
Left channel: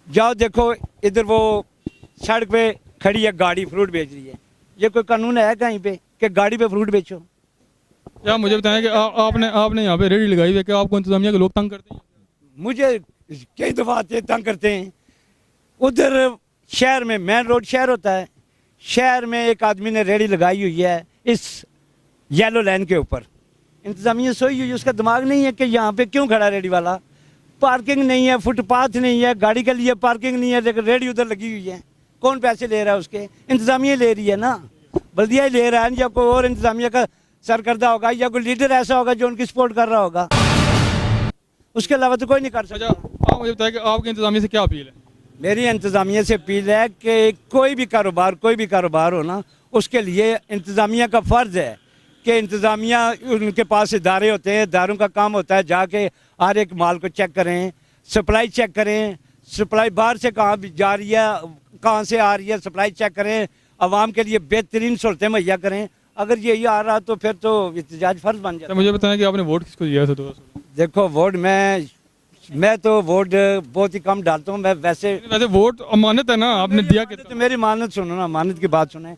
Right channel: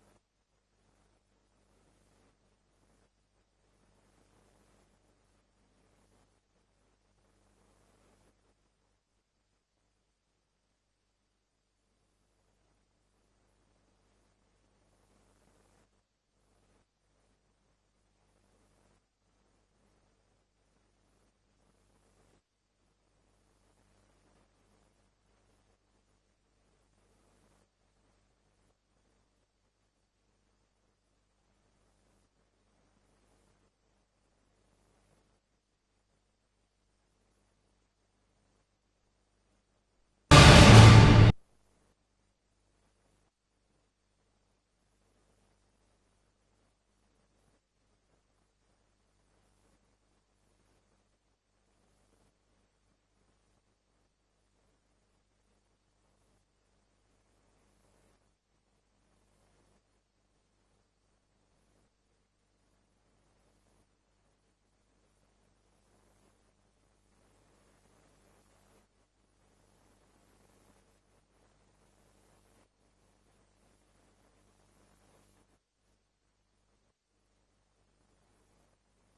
जाओ देखो, इधर वो सड़क पे खड़ी है गाड़ी, फ्रूट बेच रही है, ये कोई कानून है कहीं पे कि गाड़ी पे फ्रूट बेचो? क्या मुझे बताएं कि आपने यहाँ पे रेडी लगाई हुई है कि आपको इंतज़ामिया के लोग तंग करते हैं? मुझे कई दफ़ा आते तंग करते हैं। उधर शहर में, मेन रोड शहर होता है, शहर में एक आदमी ने रेडी लगाई हुई है इस येलो लाइन के ऊपर। इंतज़ामिया सोई हुई है, उसका दिमाग नहीं है कि यहाँ पे क्यों खड़ा रेडी वाला। पार्किंग नहीं है, फुटपाथ नहीं है, गाड़ी के लिए पार्किंग नहीं है, लेकिन रेडी उधर लगी हुई है। कौन पैसे ले रहा है उसके? इंतज़ामिया ले रही है ना, बल्दिया ही ले रहा है, या कोई और इंतज़ामिया का सरकर्दा होगा, या कोई लीडर ऐसा होगा जो उनकी सपोर्ट कर रहा होगा। उसके अलावा तो कोई नहीं कर सकता। अच्छा, आप मुझे बताएं कि आपकी इंतज़ामिया से क्या अपील है? मेरी इंतज़ामिया से अपील है कि कोई भी कारोबार हो ना, उसके लिए इंतज़ामिया का फ़र्ज़ है कि इंतज़ामिया, उनके पास इदारे होते हैं, इदारों का काम होता है जाके हर एक माल को चेक करें, सप्लाई चेक करें, सप्लाई बाहर से कहाँ भी जा रही है, कहाँ से आ रही है, सप्लाई चेक करें, आवाम के लिए बेहतरीन सहूलतें मुहैया करें। अगर यही आ रहा तो फिर तो एहतजाज फ़र्ज बन जाता है। मुझे बताएं कि आपने वोट किसको दिया था? देखो, वोट मैं तो वोट बहुत ही कम डालता हूँ। मैं वैसे वोट अमानत है ना, आपने दिया कितना? तो मेरी मानत सुनो ना, अमानत की बात सुने।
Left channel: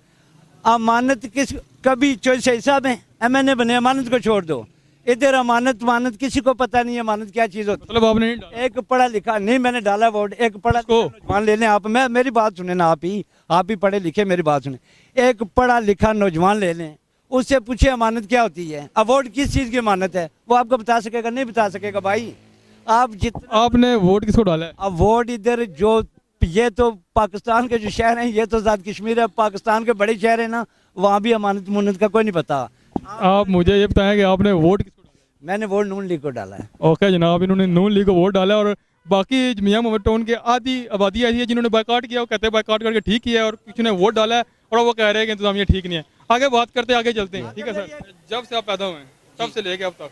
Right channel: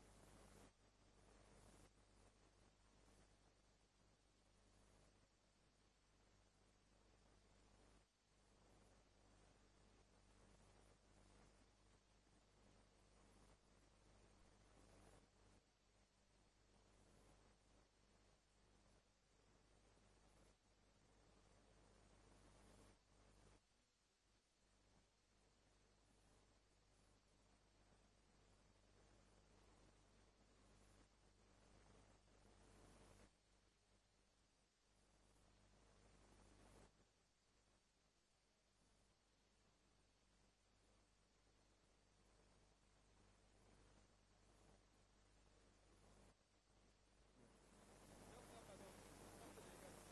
अमानत किस, कभी चौधरी साहब हैं MNA बने, अमानत को छोड़ दो। इधर अमानत किसी को पता नहीं है अमानत क्या चीज़ होती है। मतलब आपने नहीं डाला? एक पढ़ा लिखा नहीं, मैंने डाला वोट। एक पढ़ा नौजवान ले लें आप, मेरी बात सुने ना, आप ही पढ़े लिखे, मेरी बात सुने। एक पढ़ा लिखा नौजवान ले लें, उससे पूछे अमानत क्या होती है, अब वोट किस चीज़ की अमानत है, वो आपको बता सकेगा? नहीं बता सकेगा भाई। आप जितना, आपने वोट किसको डाला है? अब वोट इधर जो, ये तो पाकिस्तान के जो शहर हैं, ये तो आज़ाद कश्मीर है, पाकिस्तान के बड़े शहर हैं ना, वहाँ भी अमानत मुनत का कोई नहीं पता। आप मुझे ये बताएं कि आपने वोट किसको डाला? मैंने वोट नून लीग को डाला है। ओके जनाब, इन्होंने नून लीग को वोट डाला है। और बाकी मियां मोहम्मद टाउन के आधी आबादी ऐसी है जिन्होंने बाइकाट किया, वो कहते हैं बाइकाट करके ठीक किया है, और किसी ने वोट डाला है और वो कह रहे हैं कि इंतजामिया ठीक नहीं है। आगे बात करते हैं, आगे चलते हैं, ठीक है सर। जब से आप पैदा हुए हैं तब से लेके अब तक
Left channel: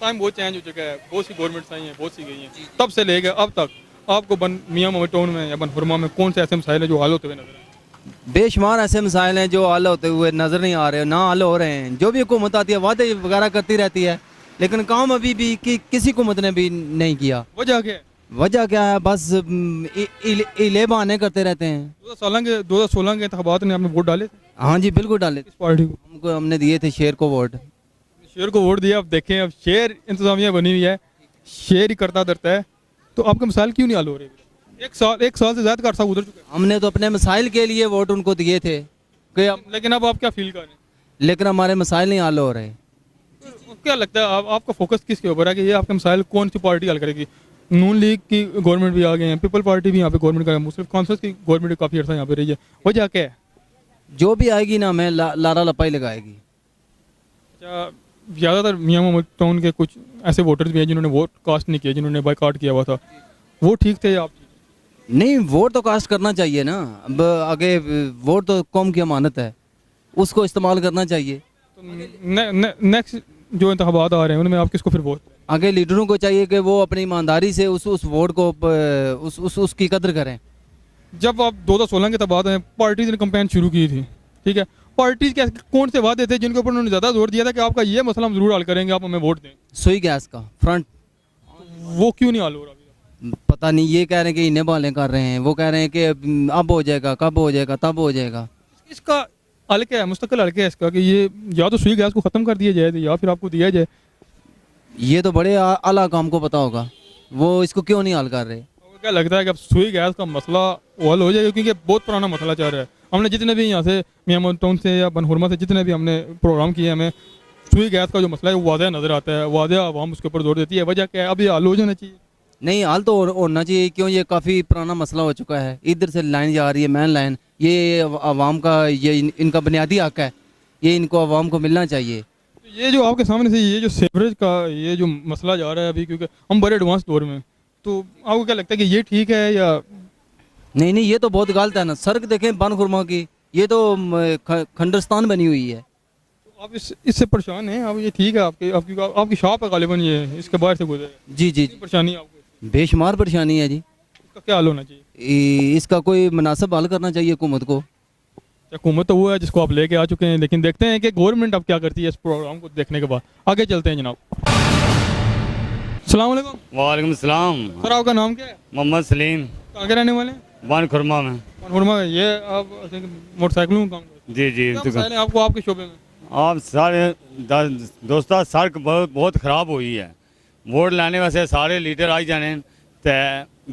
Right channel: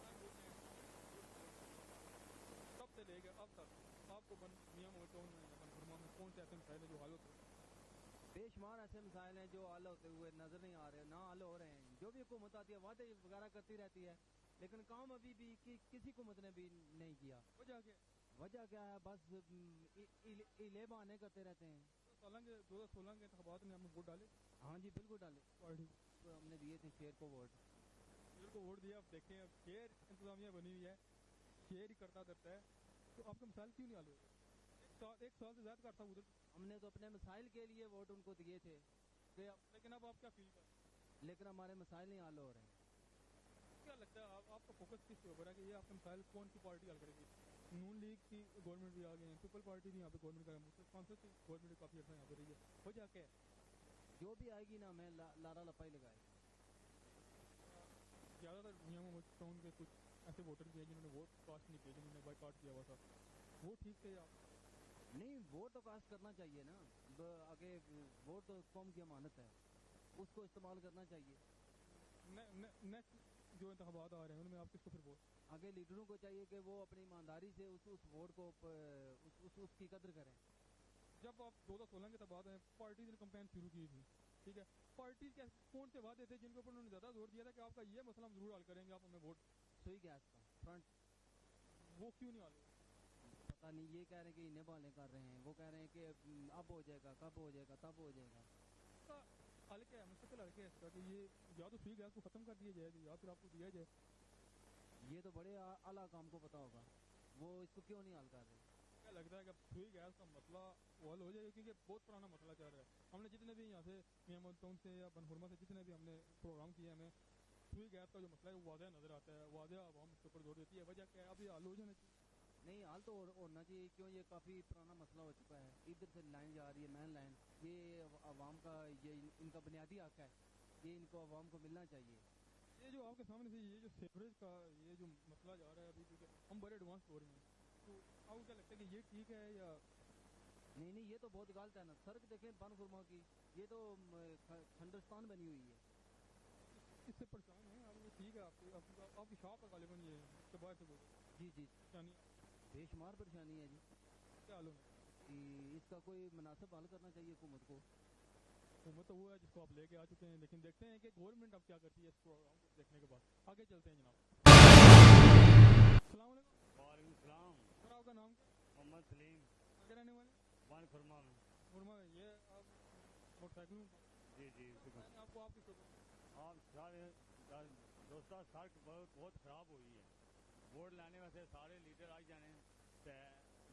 टाइम बहुत चेंज हो चुका है, बहुत सी गवर्नमेंट्स आई हैं, बहुत सी गई हैं, तब से लेके अब तक आपको मियां मोहम्मद टाउन में या बनहुरमा में कौन से ऐसे मसाइल है जो हल होते हुए नजर आए? बेशुमार ऐसे मसाइल हैं जो हल होते हुए नज़र नहीं आ रहे, ना हल हो रहे हैं। जो भी हुकूमत आती है वादे वगैरह करती रहती है, लेकिन काम अभी भी किसी हुकूमत ने भी नहीं किया। वजह क्या है? वजह क्या है? बस इले बहाने करते रहते हैं। 2016 के इंतखाबात में आपने वोट डाले थे? हाँ जी, बिल्कुल डाले। किस पार्टी को? हमने दिए थे शेर को वोट। शेर को वोट दिया। अब देखें, अब शेर इंतजामिया बनी हुई है, शेर ही करता धरता है, तो आपके मसाइल क्यों नहीं हल हो रहे? एक साल से ज्यादा का अर्सा गुजर चुका है। हमने तो अपने मसाइल के लिए वोट उनको दिए थे कि लेकिन अब आप क्या फील कर रहे हैं? लेकिन हमारे मसाइल नहीं हल हो रहे। क्या लगता है आपका फोकस किसके ऊपर है कि ये आपके मसाइल कौन सी पार्टी हल करेगी? नून लीग की गवर्नमेंट भी आ गए हैं, पीपल पार्टी भी यहाँ पे गवर्नमेंट का, मुस्लिम कॉन्फ्रेंस की गवर्नमेंट काफ़ी अर्सा यहाँ पे रही है, वजह क्या है? जो भी आएगी ना, हमें लारा लपाई लगाएगी। अच्छा, ज़्यादातर मियां मोहम्मद टाउन के कुछ ऐसे वोटर्स भी हैं जिन्होंने वोट कास्ट नहीं किया, जिन्होंने बाइकाट किया हुआ था, वो ठीक थे या आप? नहीं, वोट तो कास्ट करना चाहिए ना। अब आगे वोट तो कौम की अमानत है, उसको इस्तेमाल करना चाहिए। तो नेक्स्ट जो इंतखाबात आ रहे हैं उनमें आप किसको फिर वोट? आगे लीडरों को चाहिए कि वो अपनी ईमानदारी से उस वोट को उसकी कदर करें। जब आप 2016 के बाद पार्टीज ने कंपेन शुरू की थी, ठीक है, पार्टीज के कौन से वादे थे जिनके ऊपर उन्होंने ज़्यादा जोर दिया था कि आपका ये मसला हम जरूर हल करेंगे, आप हमें वोट दें? सुई गैस का फ्रंट, वो क्यों नहीं हल हो रहा? पता नहीं, ये कह रहे हैं कि इन्हें बालें कर रहे हैं, वो कह रहे हैं कि अब हो जाएगा, कब हो जाएगा, तब हो जाएगा। इसका हल क्या है, मुस्तकिल हल क्या है इसका, कि ये या तो सुई गैस को ख़त्म कर दिया जाए या फिर आपको दिया जाए? ये तो बड़े आला काम को पता होगा, वो इसको क्यों नहीं हल कर रहे? क्या लगता है कि अब सुई गैस का मसला हल हो जाएगा? क्योंकि बहुत पुराना मसला चल रहा है, हमने जितने भी यहाँ से मियां मोहम्मद टाउन से या बनहुरमा से जितने भी हमने प्रोग्राम किए, हमें सुई गैस का जो मसला है वो वाज़ह नज़र आता है, वाज़ह आवाम उसके ऊपर जोर देती है। वजह क्या है? अब ये हल हो जाना चाहिए। नहीं, हाल तो होना चाहिए, क्यों ये काफ़ी पुराना मसला हो चुका है। इधर से लाइन जा रही है, मेन लाइन, ये आवाम का, ये इनका बुनियादी हक है, ये इनको आवाम को मिलना चाहिए। ये जो आपके सामने से ये जो सीवरेज का ये जो मसला जा रहा है अभी, क्योंकि हम बड़े एडवांस दौर में, तो आपको क्या लगता है कि ये ठीक है या नहीं नहीं, ये तो बहुत गलत है ना। सड़क देखें बनखुरमा की, ये तो खंडरस्तान बनी हुई है। आप इससे परेशान हैं? अब ये ठीक है, आपकी शॉप है गालिबन, ये इसके बाहर से गुजरे, जी जी, परेशानी आपको? बेशुमार परेशानी है जी। इसका क्या हल होना चाहिए? इसका कोई मुनासिब हल करना चाहिए हुकूमत को। हुकूमत तो वो है जिसको आप लेके आ चुके हैं, लेकिन देखते हैं कि गवर्नमेंट अब क्या करती है इस प्रोग्राम को देखने के बाद। आगे चलते हैं जनाब। अस्सलाम वालेकुम। वालेकुम सलाम। सर आपका नाम क्या है? मोहम्मद सलीम। कहाँ के रहने वाले हैं? बनखुरमा में। बनखुरमा में। ये आप मोटरसाइकिलों में काम करते जी जी। हैं? क्या मसाइल हैं आपको आपके शोबे में? आप सारे दोस्ता सड़क बहुत ख़राब हुई है। वोट लाने वास्ते सारे लीडर आई जाने तो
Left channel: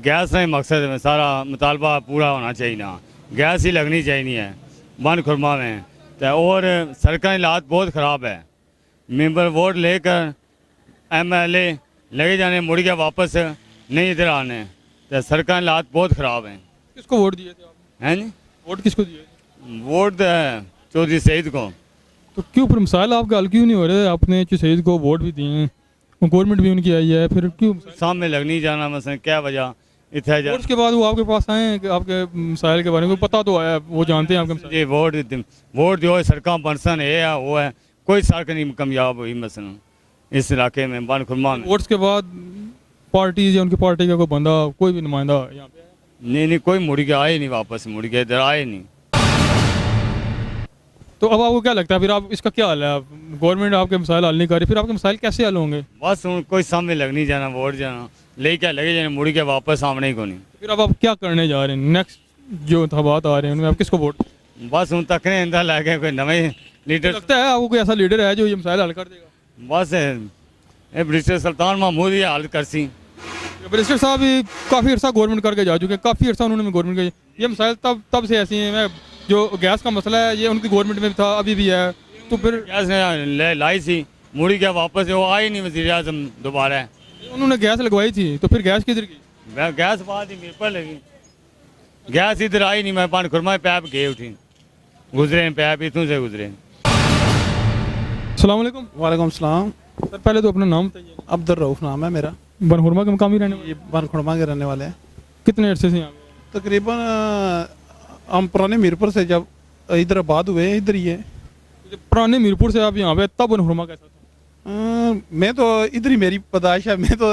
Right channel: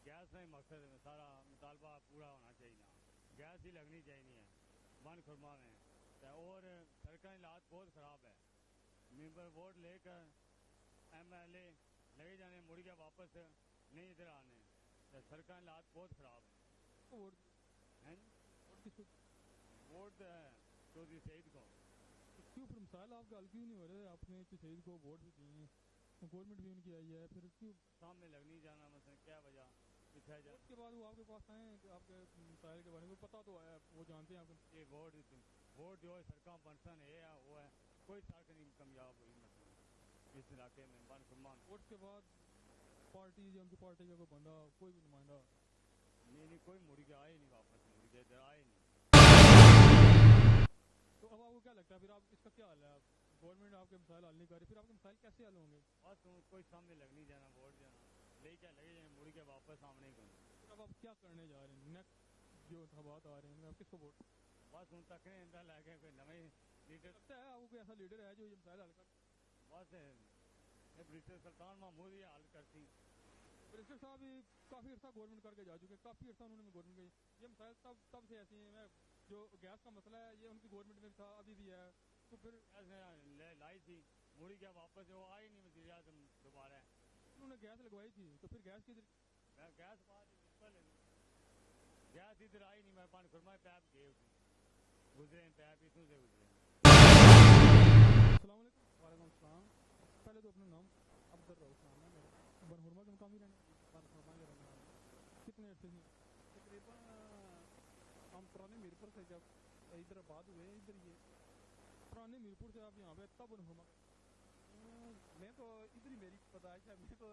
गैस नहीं मकसद में सारा मुतालबा पूरा होना चाहिए ना, गैस ही लगनी चाहिए है बनखुरमा में। तो और सड़क हालात बहुत ख़राब है। मेंबर वोट लेकर MLA लगे जाने, मुड़ के वापस नहीं इधर आने, तो सड़क हालात बहुत ख़राब हैं। किसको वोट दिए थे आप? हैं जी? वोट किसको दिए? वोट चौधरी सईद को। तो क्यों फिर मसाइल आपके हल क्यों नहीं हो रहे? आपने शहीद को वोट भी दिए हैं, गवर्नमेंट भी उनकी आई है, फिर क्यों सामने लगनी जाना मसलन क्या वजह इतना जा? उसके बाद वो आपके पास आए हैं कि आपके मसाइल के बारे में पता तो आया, वो जानते हैं आपके मसाइल? जी वोट जो है सड़क बनसन है वो है, कोई सड़क नहीं कामयाब हुई मसलन इस इलाके में बनखुरमा में। वोट्स के बाद पार्टी या उनकी पार्टी का कोई बंदा, कोई भी नुमाइंदा यहाँ पे? नहीं, कोई मुड़ के आए नहीं, वापस मुड़ के इधर आए नहीं। तो अब आपको क्या लगता है फिर आप इसका क्या हाल है? गवर्नमेंट आपके मसाइल हल नहीं कर रही, फिर आपके मसाइल कैसे हल होंगे? बस कोई सामने लगनी जाना, वोट जाना ले क्या लगे जाने, मुड़ के वापस आने ही को नहीं। फिर अब आप क्या करने जा रहे हैं? नेक्स्ट जो इंतखाबात आ रहे हैं उनमें आप किसको वोट? बस तकने अंदर लगे कोई नए लीडर। लगता है आपको कोई ऐसा लीडर है जो ये मसाइल हल कर देगा? बस ब्रिटिश सुल्तान महमूद ये हल कर सी। बैरिस्टर साहब भी काफ़ी अर्सा गवर्नमेंट करके जा चुके हैं, काफ़ी अर्सा उन्होंने गवर्नमेंट के ये मसाइल तब से ऐसी हैं। जो गैस का मसला है ये उनकी गवर्नमेंट में भी था, अभी भी है, तो फिर गैस ने लाई सी, मुड़ी क्या वापस वो आई नहीं वज़ीर आज़म दोबारा। उन्होंने गैस लगवाई थी, तो फिर गैस किधर गई? गैस बाद ही मेरे पर लगी, गैस इधर आई नहीं। मैं बनखुरमा पैप गए उठी, गुजरे पैप इतों से गुजरे। अस्सलाम वालेकुम। वालेकुम सलाम। सर पहले तो अपना नाम बताइए। अब्दुल रऊफ नाम है मेरा। बनहुरमा के मकामी रहने वाले? बनखुरमा के रहने वाले हैं। कितने अर्से से यहाँ पे? तकरीबन हम पुराने मीरपुर से जब इधर आबाद हुए हैं, इधर ही है। पुराने मीरपुर से आप यहाँ पे, तब बनहुरमा कैसा था? मैं तो इधर ही मेरी पैदाइश है। मैं तो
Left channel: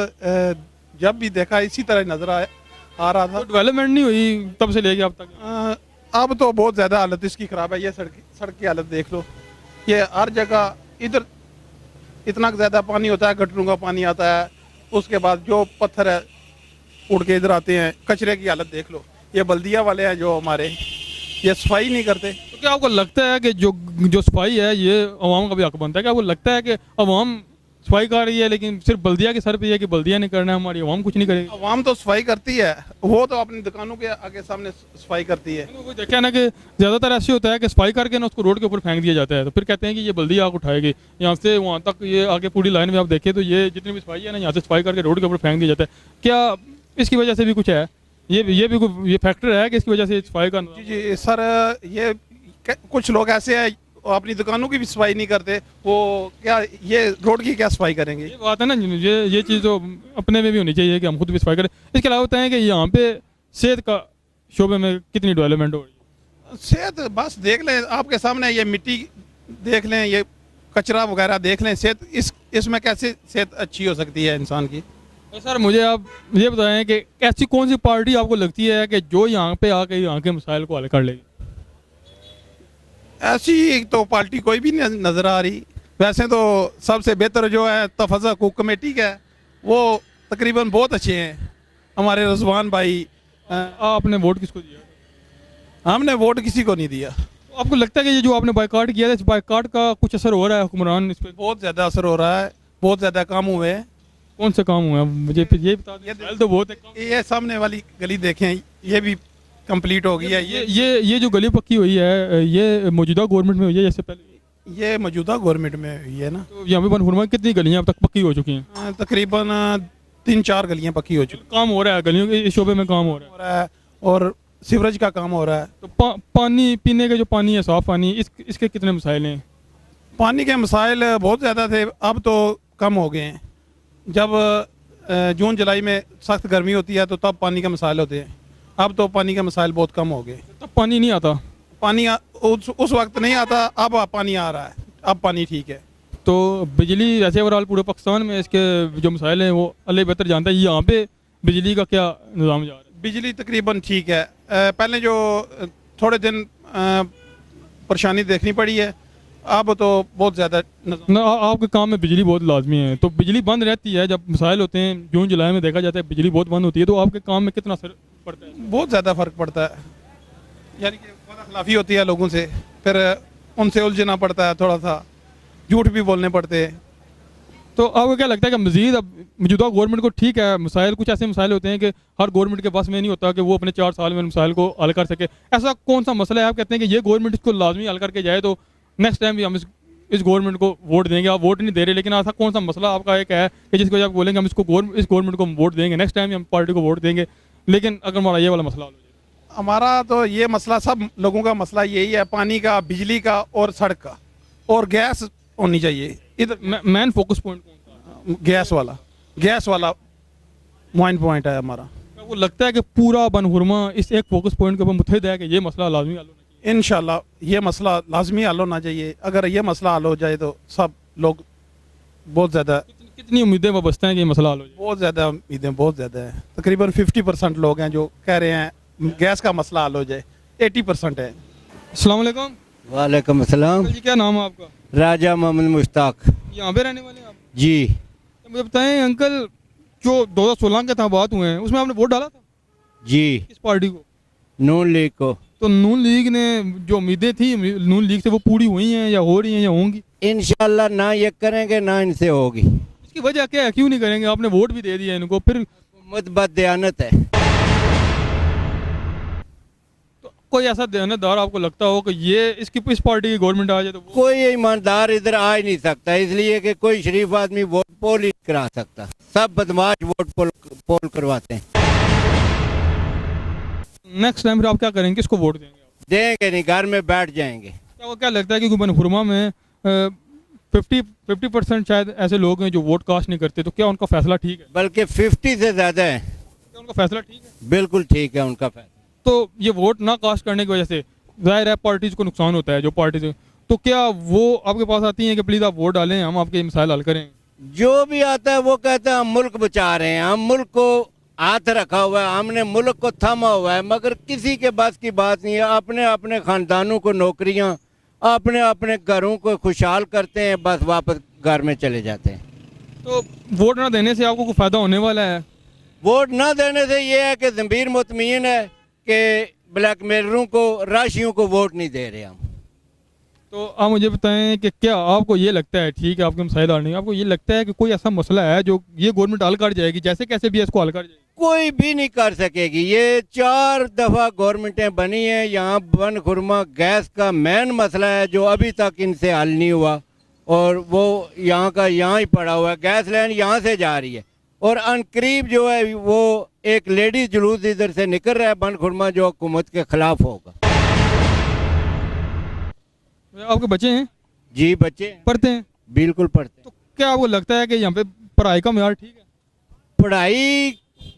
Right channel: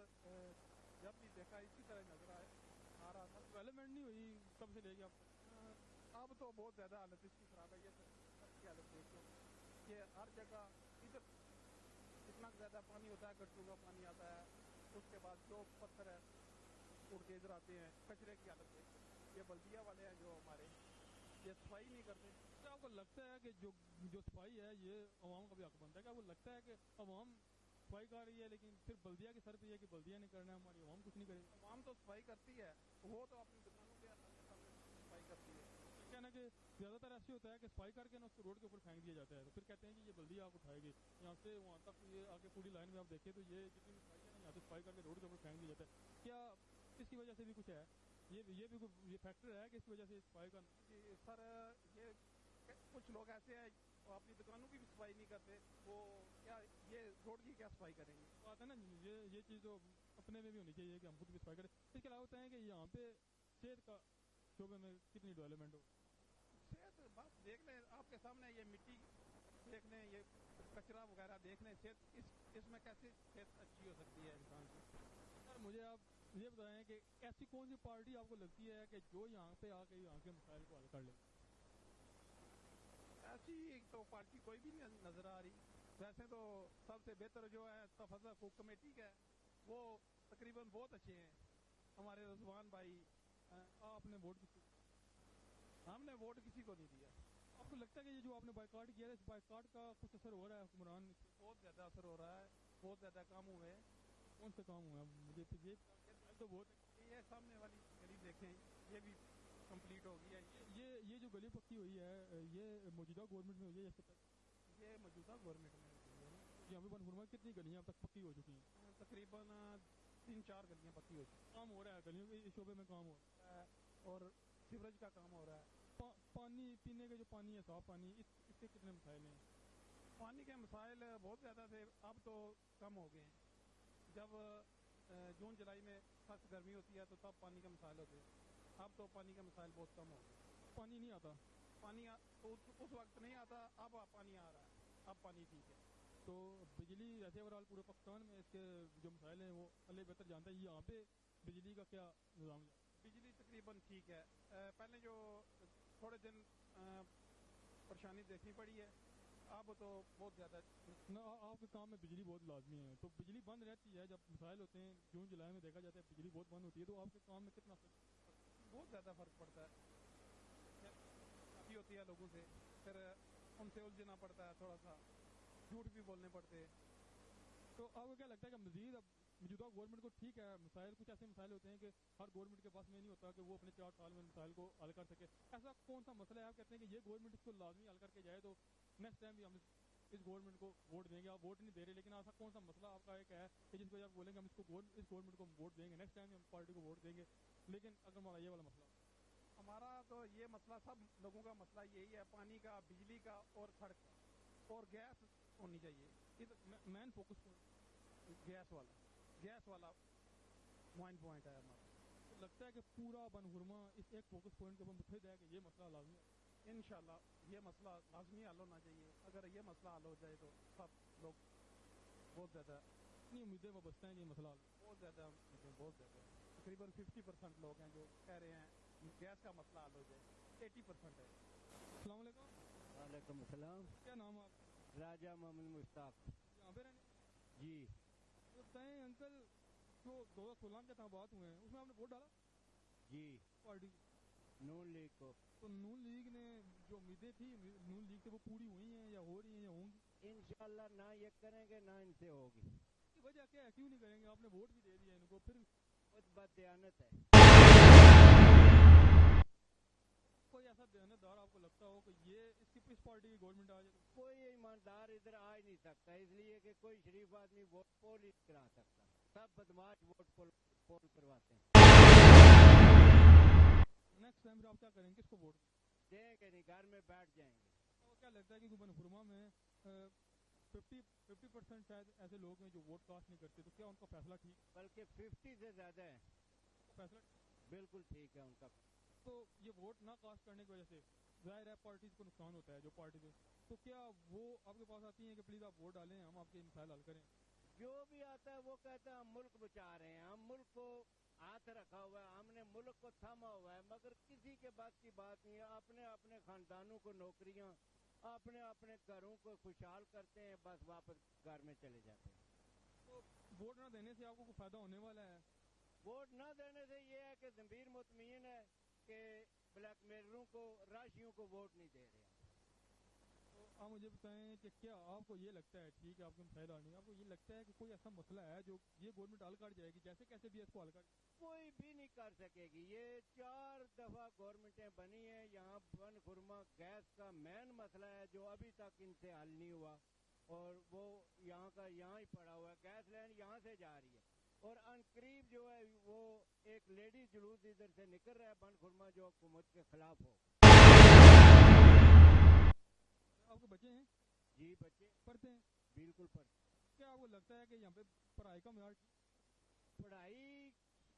जब भी देखा इसी तरह नजर आ रहा था। डेवलपमेंट नहीं हुई तब से लेके अब तक? अब तो बहुत ज़्यादा हालत इसकी ख़राब है। ये सड़क की हालत देख लो, ये हर जगह इधर इतना ज़्यादा पानी होता है, गटरों का पानी आता है, उसके बाद जो पत्थर है उड़ के इधर आते हैं। कचरे की हालत देख लो, ये बल्दिया वाले हैं जो हमारे, ये सफाई नहीं करते। तो क्या आपको लगता है कि जो सफाई है ये अवाम का भी हक बनता है? क्या आपको लगता है कि अवाम सफाई कर रही है लेकिन सिर्फ बल्दिया के सर पे है कि बल्दिया नहीं करना है, हमारी अवाम कुछ नहीं करेगी? अवाम तो सफाई करती है, वो तो अपनी दुकानों के आगे सामने सफाई करती है। वो देखा है ना कि ज़्यादातर ऐसे होता है कि सफाई करके ना उसको रोड के ऊपर फेंक दिया जाता है, तो फिर कहते हैं कि ये बल्दिया आग उठाएगी। यहाँ से वहाँ तक ये आगे पूरी लाइन में आप देखें तो ये जितनी भी सफाई है ना, यहाँ से सफाई करके रोड के ऊपर फेंक दिया जाता है। क्या इसकी वजह से भी कुछ है? ये भी कोई ये फैक्टर है कि इसकी वजह से सफाई का? जी सर, ये कुछ लोग ऐसे हैं अपनी दुकानों की भी सफाई नहीं करते, वो क्या ये रोड की क्या सफाई करेंगे? ये बात है ना, ये चीज़ तो अपने में भी होनी चाहिए कि हम खुद भी सफाई करें। इसके अलावा होता है कि यहाँ पे सेहत का शोबे में कितनी डेवलपमेंट हो रही है? सेहत बस देख लें, आपके सामने ये मिट्टी देख लें, ये कचरा वगैरह देख लें, सेहत इसमें कैसे सेहत अच्छी हो सकती है इंसान की? तो सर मुझे आप ये बताएं कि ऐसी कौन सी पार्टी आपको लगती है कि जो यहाँ पे आके यहाँ के मसाइल को हल कर लेगी? ऐसी तो पार्टी कोई भी नहीं नज़र आ रही। वैसे तो सबसे बेहतर जो है तफज़ हकूक़ कमेटी का है, वो तकरीबन बहुत अच्छे हैं हमारे रज़वान भाई। आपने वोट किसको दिया? हमने वोट किसी को नहीं दिया। आपको लगता है कि ये जो आपने बाइकाट किया था, इस बाइकाट का कुछ असर हो रहा है हुक्मरान इस पर? बहुत ज़्यादा असर हो रहा है, बहुत ज़्यादा काम हुए हैं। कौन से काम हुआ है मुझे फिर ये बता दें। तो बहुत है। ये सामने वाली गली देखें, ये भी कंप्लीट हो गई है। ये जो गली पक्की हुई है ये मौजूदा गवर्नमेंट में हुई है जैसे पहले? ये मौजूदा गवर्नमेंट में हुई है ना। तो यहाँ पे बनहुरमा की कितनी गलियाँ अब तक पक्की हो चुकी हैं? तकरीबन 3-4 गलियाँ पक्की हो चुकी काम हो रहा है, गलियों के इस शोबे में काम हो रहा है और सीवरेज का काम हो रहा है। तो पानी पीने का जो पानी है, साफ पानी, इसके कितने मसाइल हैं? पानी के मसाइल बहुत ज़्यादा थे, अब तो कम हो गए हैं। जब जून जुलाई में सख्त गर्मी होती है तो तब पानी के मसाइल होते हैं, अब तो पानी के मसाइल बहुत कम हो गए। तब पानी नहीं आता? पानी उस वक्त नहीं आता, अब पानी आ रहा है, अब पानी ठीक है। तो बिजली वैसे ओवरऑल पूरे पाकिस्तान में इसके जो मसाइल हैं वो अल्लाह बेहतर जानता है, यहाँ पे बिजली का क्या निज़ाम जा रहा है? बिजली तकरीबन ठीक है। पहले जो थोड़े दिन परेशानी देखनी पड़ी है, अब तो बहुत ज़्यादा ना। आपके काम में बिजली बहुत लाजमी है, तो बिजली बंद रहती है जब मसाइल होते हैं, जून जुलाई में देखा जाता है बिजली बहुत बंद होती है, तो आपके काम में कितना असर पड़ता है? बहुत ज़्यादा फ़र्क पड़ता है, यानी कि खिलाफी होती है लोगों से, फिर उनसे उलझना पड़ता है, थोड़ा सा झूठ भी बोलने पड़ते हैं। तो आपको क्या लगता है कि मज़ीद अब मौजूदा गवर्नमेंट को ठीक है, मसाइल कुछ ऐसे मसाइल होते हैं कि हर गवर्नमेंट के पास में नहीं होता कि वो अपने 4 साल में मसाइल को हल कर सके, ऐसा कौन सा मसला है आप कहते हैं कि ये गवर्नमेंट इसको लाजमी हल करके जाए तो नेक्स्ट टाइम भी हम इस गवर्नमेंट को वोट देंगे? आप वोट नहीं दे रहे, लेकिन ऐसा कौन सा मसला आपका एक है कि जिसको जब बोलेंगे हम इस गवर्नमेंट को हम वोट देंगे, नेक्स्ट टाइम हम पार्टी को वोट देंगे, लेकिन अगर हमारा ये वाला मसला हो जाए? हमारा तो ये मसला, सब लोगों का मसला यही है, पानी का, बिजली का और सड़क का, और गैस होनी चाहिए। इधर मेन फोकस पॉइंट कौन सा? गैस वाला मेन पॉइंट है हमारा। वो लगता है कि पूरा बनहुरमा इस एक फोकस पॉइंट के ऊपर मुतहद है कि ये मसला लाजमी हल होना चाहिए? इंशाल्लाह ये मसला लाजमी हल होना चाहिए। अगर ये मसला हल हो जाए तो सब लोग बहुत ज़्यादा। कितनी उम्मीदें वाबस्ता हैं कि ये मसला हल हो जाए? बहुत ज़्यादा उम्मीदें, बहुत ज़्यादा है। तकरीबन 50% लोग हैं जो कह रहे हैं गैस का मसला हल हो जाए, 80% है। अस्सलाम वालेकुम। वालेकुम अस्सलाम। जी क्या नाम है आपका? राजा मोहम्मद मुश्ताक। यहाँ पे रहने वाले हैं आप? जी। तो मुझे बताएं अंकल, जो 2016 के इंतखाबात हुए हैं उसमें आपने वोट डाला था? जी। किस पार्टी को? नून लीग को। तो नून लीग ने जो उम्मीदें थी नून लीग से वो पूरी हुई हैं या हो रही हैं या होंगी? इंशाल्लाह ना ये करेंगे ना इनसे होगी। इसकी वजह क्या है, क्यों नहीं करेंगे? आपने वोट भी दे दिया इनको, फिर बददयानत है। तो कोई ऐसा दयानतदार आपको लगता हो कि ये इस पार्टी की गवर्नमेंट आ जाए तो? कोई ईमानदार इधर आ ही नहीं सकता, इसलिए कि कोई शरीफ आदमी वोट पोल ही करा सकता, सब बदमाश वोट पोल करवाते हैं। नेक्स्ट टाइम फिर आप क्या करेंगे, किसको वोट देंगे? देंगे नहीं, घर में बैठ जाएंगे। क्या लगता है कि बनहुरमा में 50% शायद ऐसे लोग हैं जो वोट कास्ट नहीं करते, तो क्या उनका फैसला ठीक है? बल्कि 50 से ज्यादा है। क्या उनका फैसला ठीक है? बिल्कुल ठीक है उनका फैसला। तो ये वोट ना कास्ट करने की वजह से जाहिर है पार्टीज को नुकसान होता है, जो पार्टी से, तो क्या वो आपके पास आती हैं कि प्लीज आप वोट डालें, हम आपके मसाइल हल करें? जो भी आता है वो कहता है हम मुल्क बचा रहे हैं, हम मुल्क को हाथ रखा हुआ है, हमने मुल्क को थामा हुआ है, मगर किसी के बस की बात नहीं है। अपने अपने खानदानों को नौकरियां, अपने अपने घरों को खुशहाल करते हैं, बस वापस घर में चले जाते हैं। तो वोट ना देने से आपको कोई फ़ायदा होने वाला है? वोट ना देने से ये है कि ज़मीर मुतमईन है कि ब्लैकमेलरों को, राशियों को वोट नहीं दे रहे हम। तो आप मुझे बताएं कि क्या आपको ये लगता है, ठीक है आपके मसाइल हल नहीं, आपको ये लगता है कि कोई ऐसा मसला है जो ये गवर्नमेंट हल कर जाएगी, जैसे कैसे भी इसको हल कर जाएगी? कोई भी नहीं कर सकेगी। ये 4 दफ़ा गवर्नमेंटें बनी हैं, यहाँ बनहुरमा गैस का मेन मसला है जो अभी तक इनसे हल नहीं हुआ, और वो यहाँ का यहाँ ही पड़ा हुआ है। गैस लाइन यहाँ से जा रही है, और अनकरीब जो है वो एक लेडीज जुलूस इधर से निकल रहा है बनहुरमा, जो हुकूमत के खिलाफ होगा। आपके बच्चे हैं? जी बच्चे पढ़ते हैं? बिल्कुल पढ़ते हैं। तो क्या आपको लगता है कि यहाँ पे पढ़ाई का मेयार ठीक है? पढ़ाई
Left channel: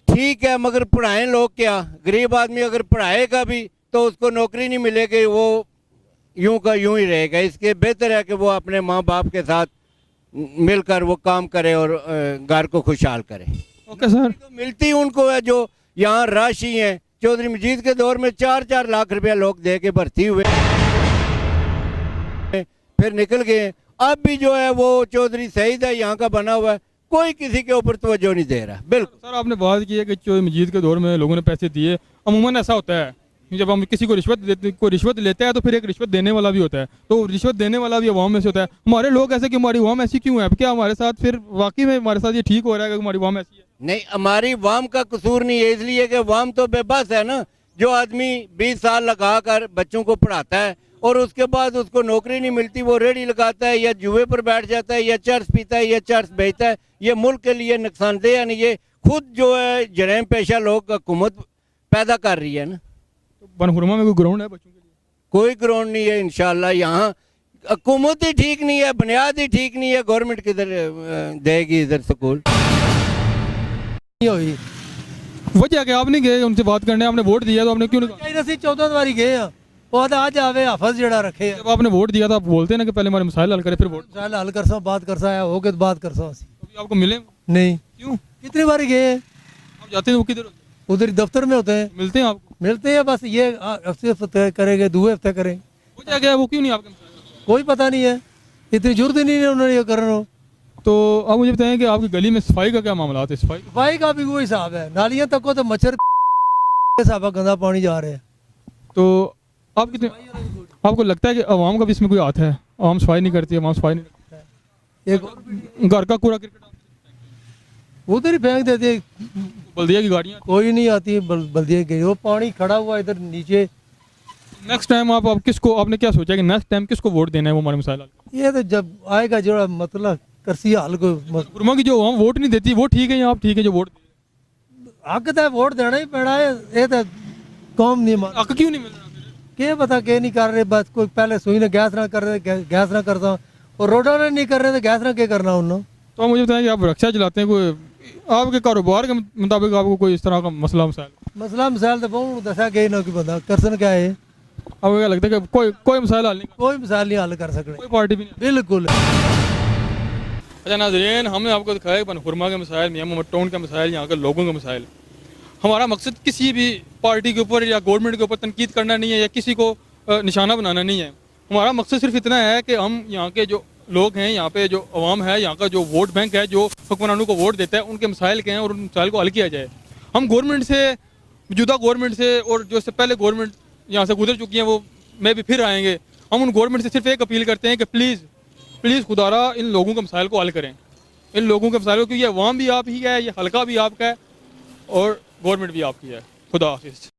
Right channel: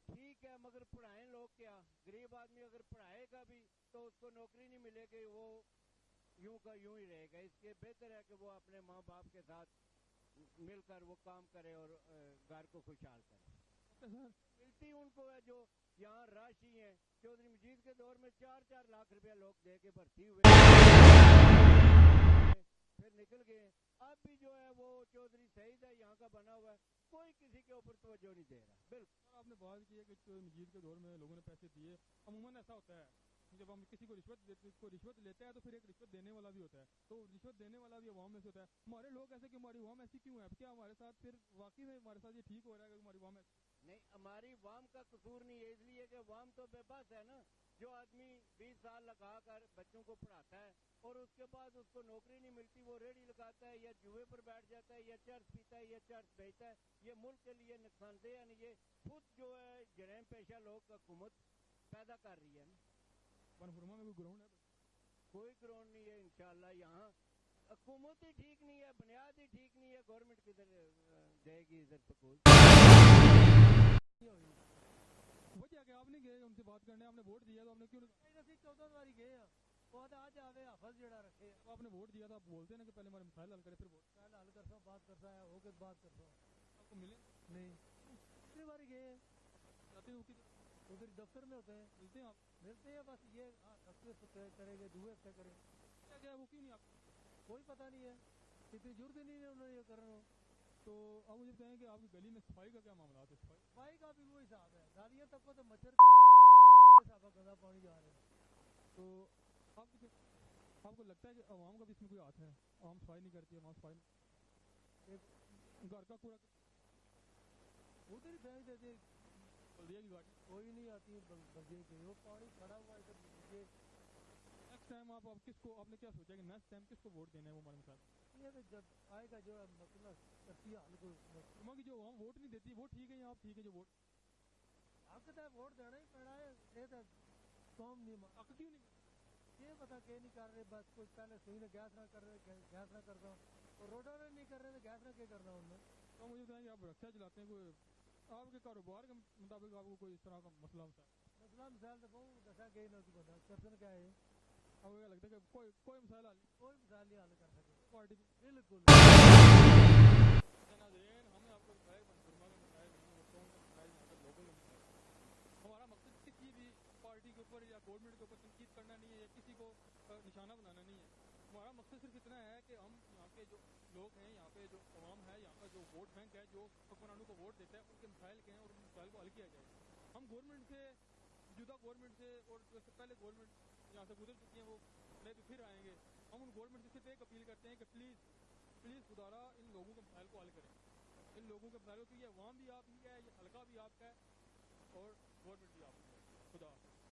ठीक है, मगर पढ़ाएं लोग क्या? गरीब आदमी अगर पढ़ाएगा भी तो उसको नौकरी नहीं मिलेगी, वो यूं का यूं ही रहेगा। इसके बेहतर है कि वो अपने माँ बाप के साथ मिलकर वो काम करे और घर को खुशहाल करे। Okay sir. तो मिलती उनको है जो यहाँ राशि है। चौधरी मजीद के दौर में 4-4 लाख रुपया लोग दे के भर्ती हुए, फिर निकल गए। अब भी जो है वो चौधरी सईद है यहाँ का बना हुआ है, कोई किसी के ऊपर तवज्जो नहीं दे रहा। बिल्कुल सर, आपने बात की है कि चौधरी मजीद के दौर में लोगों ने पैसे दिए। अमूमन ऐसा होता है जब हम किसी को रिश्वत लेता है तो फिर एक रिश्वत देने वाला भी होता है, तो रिश्वत देने वाला भी अवाम में से होता है। हमारे लोग ऐसे क्यों, हमारी अवाम ऐसी क्यों है? अब क्या हमारे साथ फिर वाकई में हमारे साथ ये ठीक हो रहा है कि हमारी अवाम ऐसी है? नहीं, हमारी वाम का कसूर नहीं है, इसलिए कि वाम तो बेबस है ना। जो आदमी 20 साल लगा कर बच्चों को पढ़ाता है और उसके बाद उसको नौकरी नहीं मिलती, वो रेडी लगाता है या जुए पर बैठ जाता है या चर्च पीता है या चर्च बेचता है, ये मुल्क के लिए नुकसानदेह है। ये खुद जो है जरैम पेशा लोग हुकूमत पैदा कर रही है ना। बनहुरमा में कोई ग्राउंड है बच्चों के लिए? कोई ग्राउंड नहीं है इंशाल्लाह। यहाँ हुकूमत ही ठीक नहीं है, बुनियाद ही ठीक नहीं है, गवर्नमेंट किधर देगी इधर स्कूल हुई। वजह क्या आप नहीं गए उनसे बात करने? आपने वोट दिया तो आपने क्यों नहीं? चाहिए ਅਸੀਂ 14 ਵਾਰੀ ਗਏ ਆ ਉਹ ਤਾਂ ਅੱਜ ਆਵੇ ਹਫਸ ਜਿਹੜਾ ਰੱਖੇ जब आपने वोट दिया था आप बोलते ना कि पहले हमारे मसाइल हल करें फिर वोट। मसाइल हल कर सो बात कर सा हो के बात कर सो अभी आपको मिले नहीं। क्यों? कितनी बारी गए आप जाते हैं वो किधर होते हैं? उधर दफ्तर में होते हैं। मिलते हैं आपको? मिलते हैं बस ये हफ्ते करेंगे, 2 हफ्ते करें। वजह क्या है वो क्यों नहीं आपके मसाइल? कोई पता नहीं है, इतनी जरूरत ही नहीं है उन्होंने ये करना। तो आप मुझे बताएं कि आपकी गली में सफाई का क्या मामला है? सफाई का भी वही हिसाब है, नालियां तक को तो मच्छर हिसाब गंदा पानी जा रहे हैं। तो आप कितने आपको लगता है कि आवाम का भी इसमें कोई हाथ है? आवाम सफाई नहीं करती, आवाम सफाई नहीं करती है। एक घर का कूड़ा क्रिकेट उधर ही फेंक देते, बल्दिया की गाड़ियाँ कोई नहीं आती, बल्दिया की वो पानी खड़ा हुआ इधर नीचे। नेक्स्ट टाइम आप किसको, आपने क्या सोचा कि नेक्स्ट टाइम किसको वोट देना है वो हमारे मसाइल हल? ये तो जब आएगा जो मतलब करसी हाल को गुरमा की जो आवाम वोट नहीं देती वो ठीक है या आप ठीक है जो वोट? हक तो वोट देना ही पैना है, ये तो कौम नहीं मान। हक क्यों नहीं मिल रहा? क्या पता क्या नहीं कर रहे, बस कोई पहले सुई ने गैस ना कर रहे, गैस ना करता, और रोडों ने नहीं कर रहे तो गैस ना क्या करना उन्होंने। तो आप मुझे बताएं कि आप रक्षा चलाते हैं, कोई आपके कारोबार के मुताबिक आपको कोई इस तरह का मसला मसाइल तो बहुत दसा गए ना कि बंदा करसन क्या है। आपको क्या लगता है कि कोई मसाइल हल नहीं? कोई मसाइल नहीं हल कर सकते, कोई पार्टी भी नहीं? बिल्कुल। अच्छा नाज़रीन, हमने आपको दिखाया बनहुरमा के मसाइल, मियां मोहम्मद टाउन के मसाइल, यहाँ के लोगों के मसाइल। हमारा मकसद किसी भी पार्टी के ऊपर या गवर्नमेंट के ऊपर तनकीद करना नहीं है या किसी को निशाना बनाना नहीं है। हमारा मकसद सिर्फ इतना है कि हम यहाँ के जो लोग हैं, यहाँ पे जो अवाम है, यहाँ का जो वोट बैंक है जो हुक्मरानों को वोट देता है, उनके मसाइल के हैं और उन मसाइल को हल किया जाए। हम गवर्नमेंट से, मौजूदा गवर्नमेंट से और जो इससे पहले गवर्नमेंट यहाँ से गुजर चुकी हैं वो में भी फिर आएंगे, हम उन गवर्नमेंट से सिर्फ एक अपील करते हैं कि प्लीज़ खुदारा इन लोगों के मसाइल को हल करें, इन लोगों के मसाइल को, क्योंकि ये अवाम भी आप ही है, ये हल्का भी आपका है और गवर्नमेंट भी आपकी है। खुदा हाफिज़।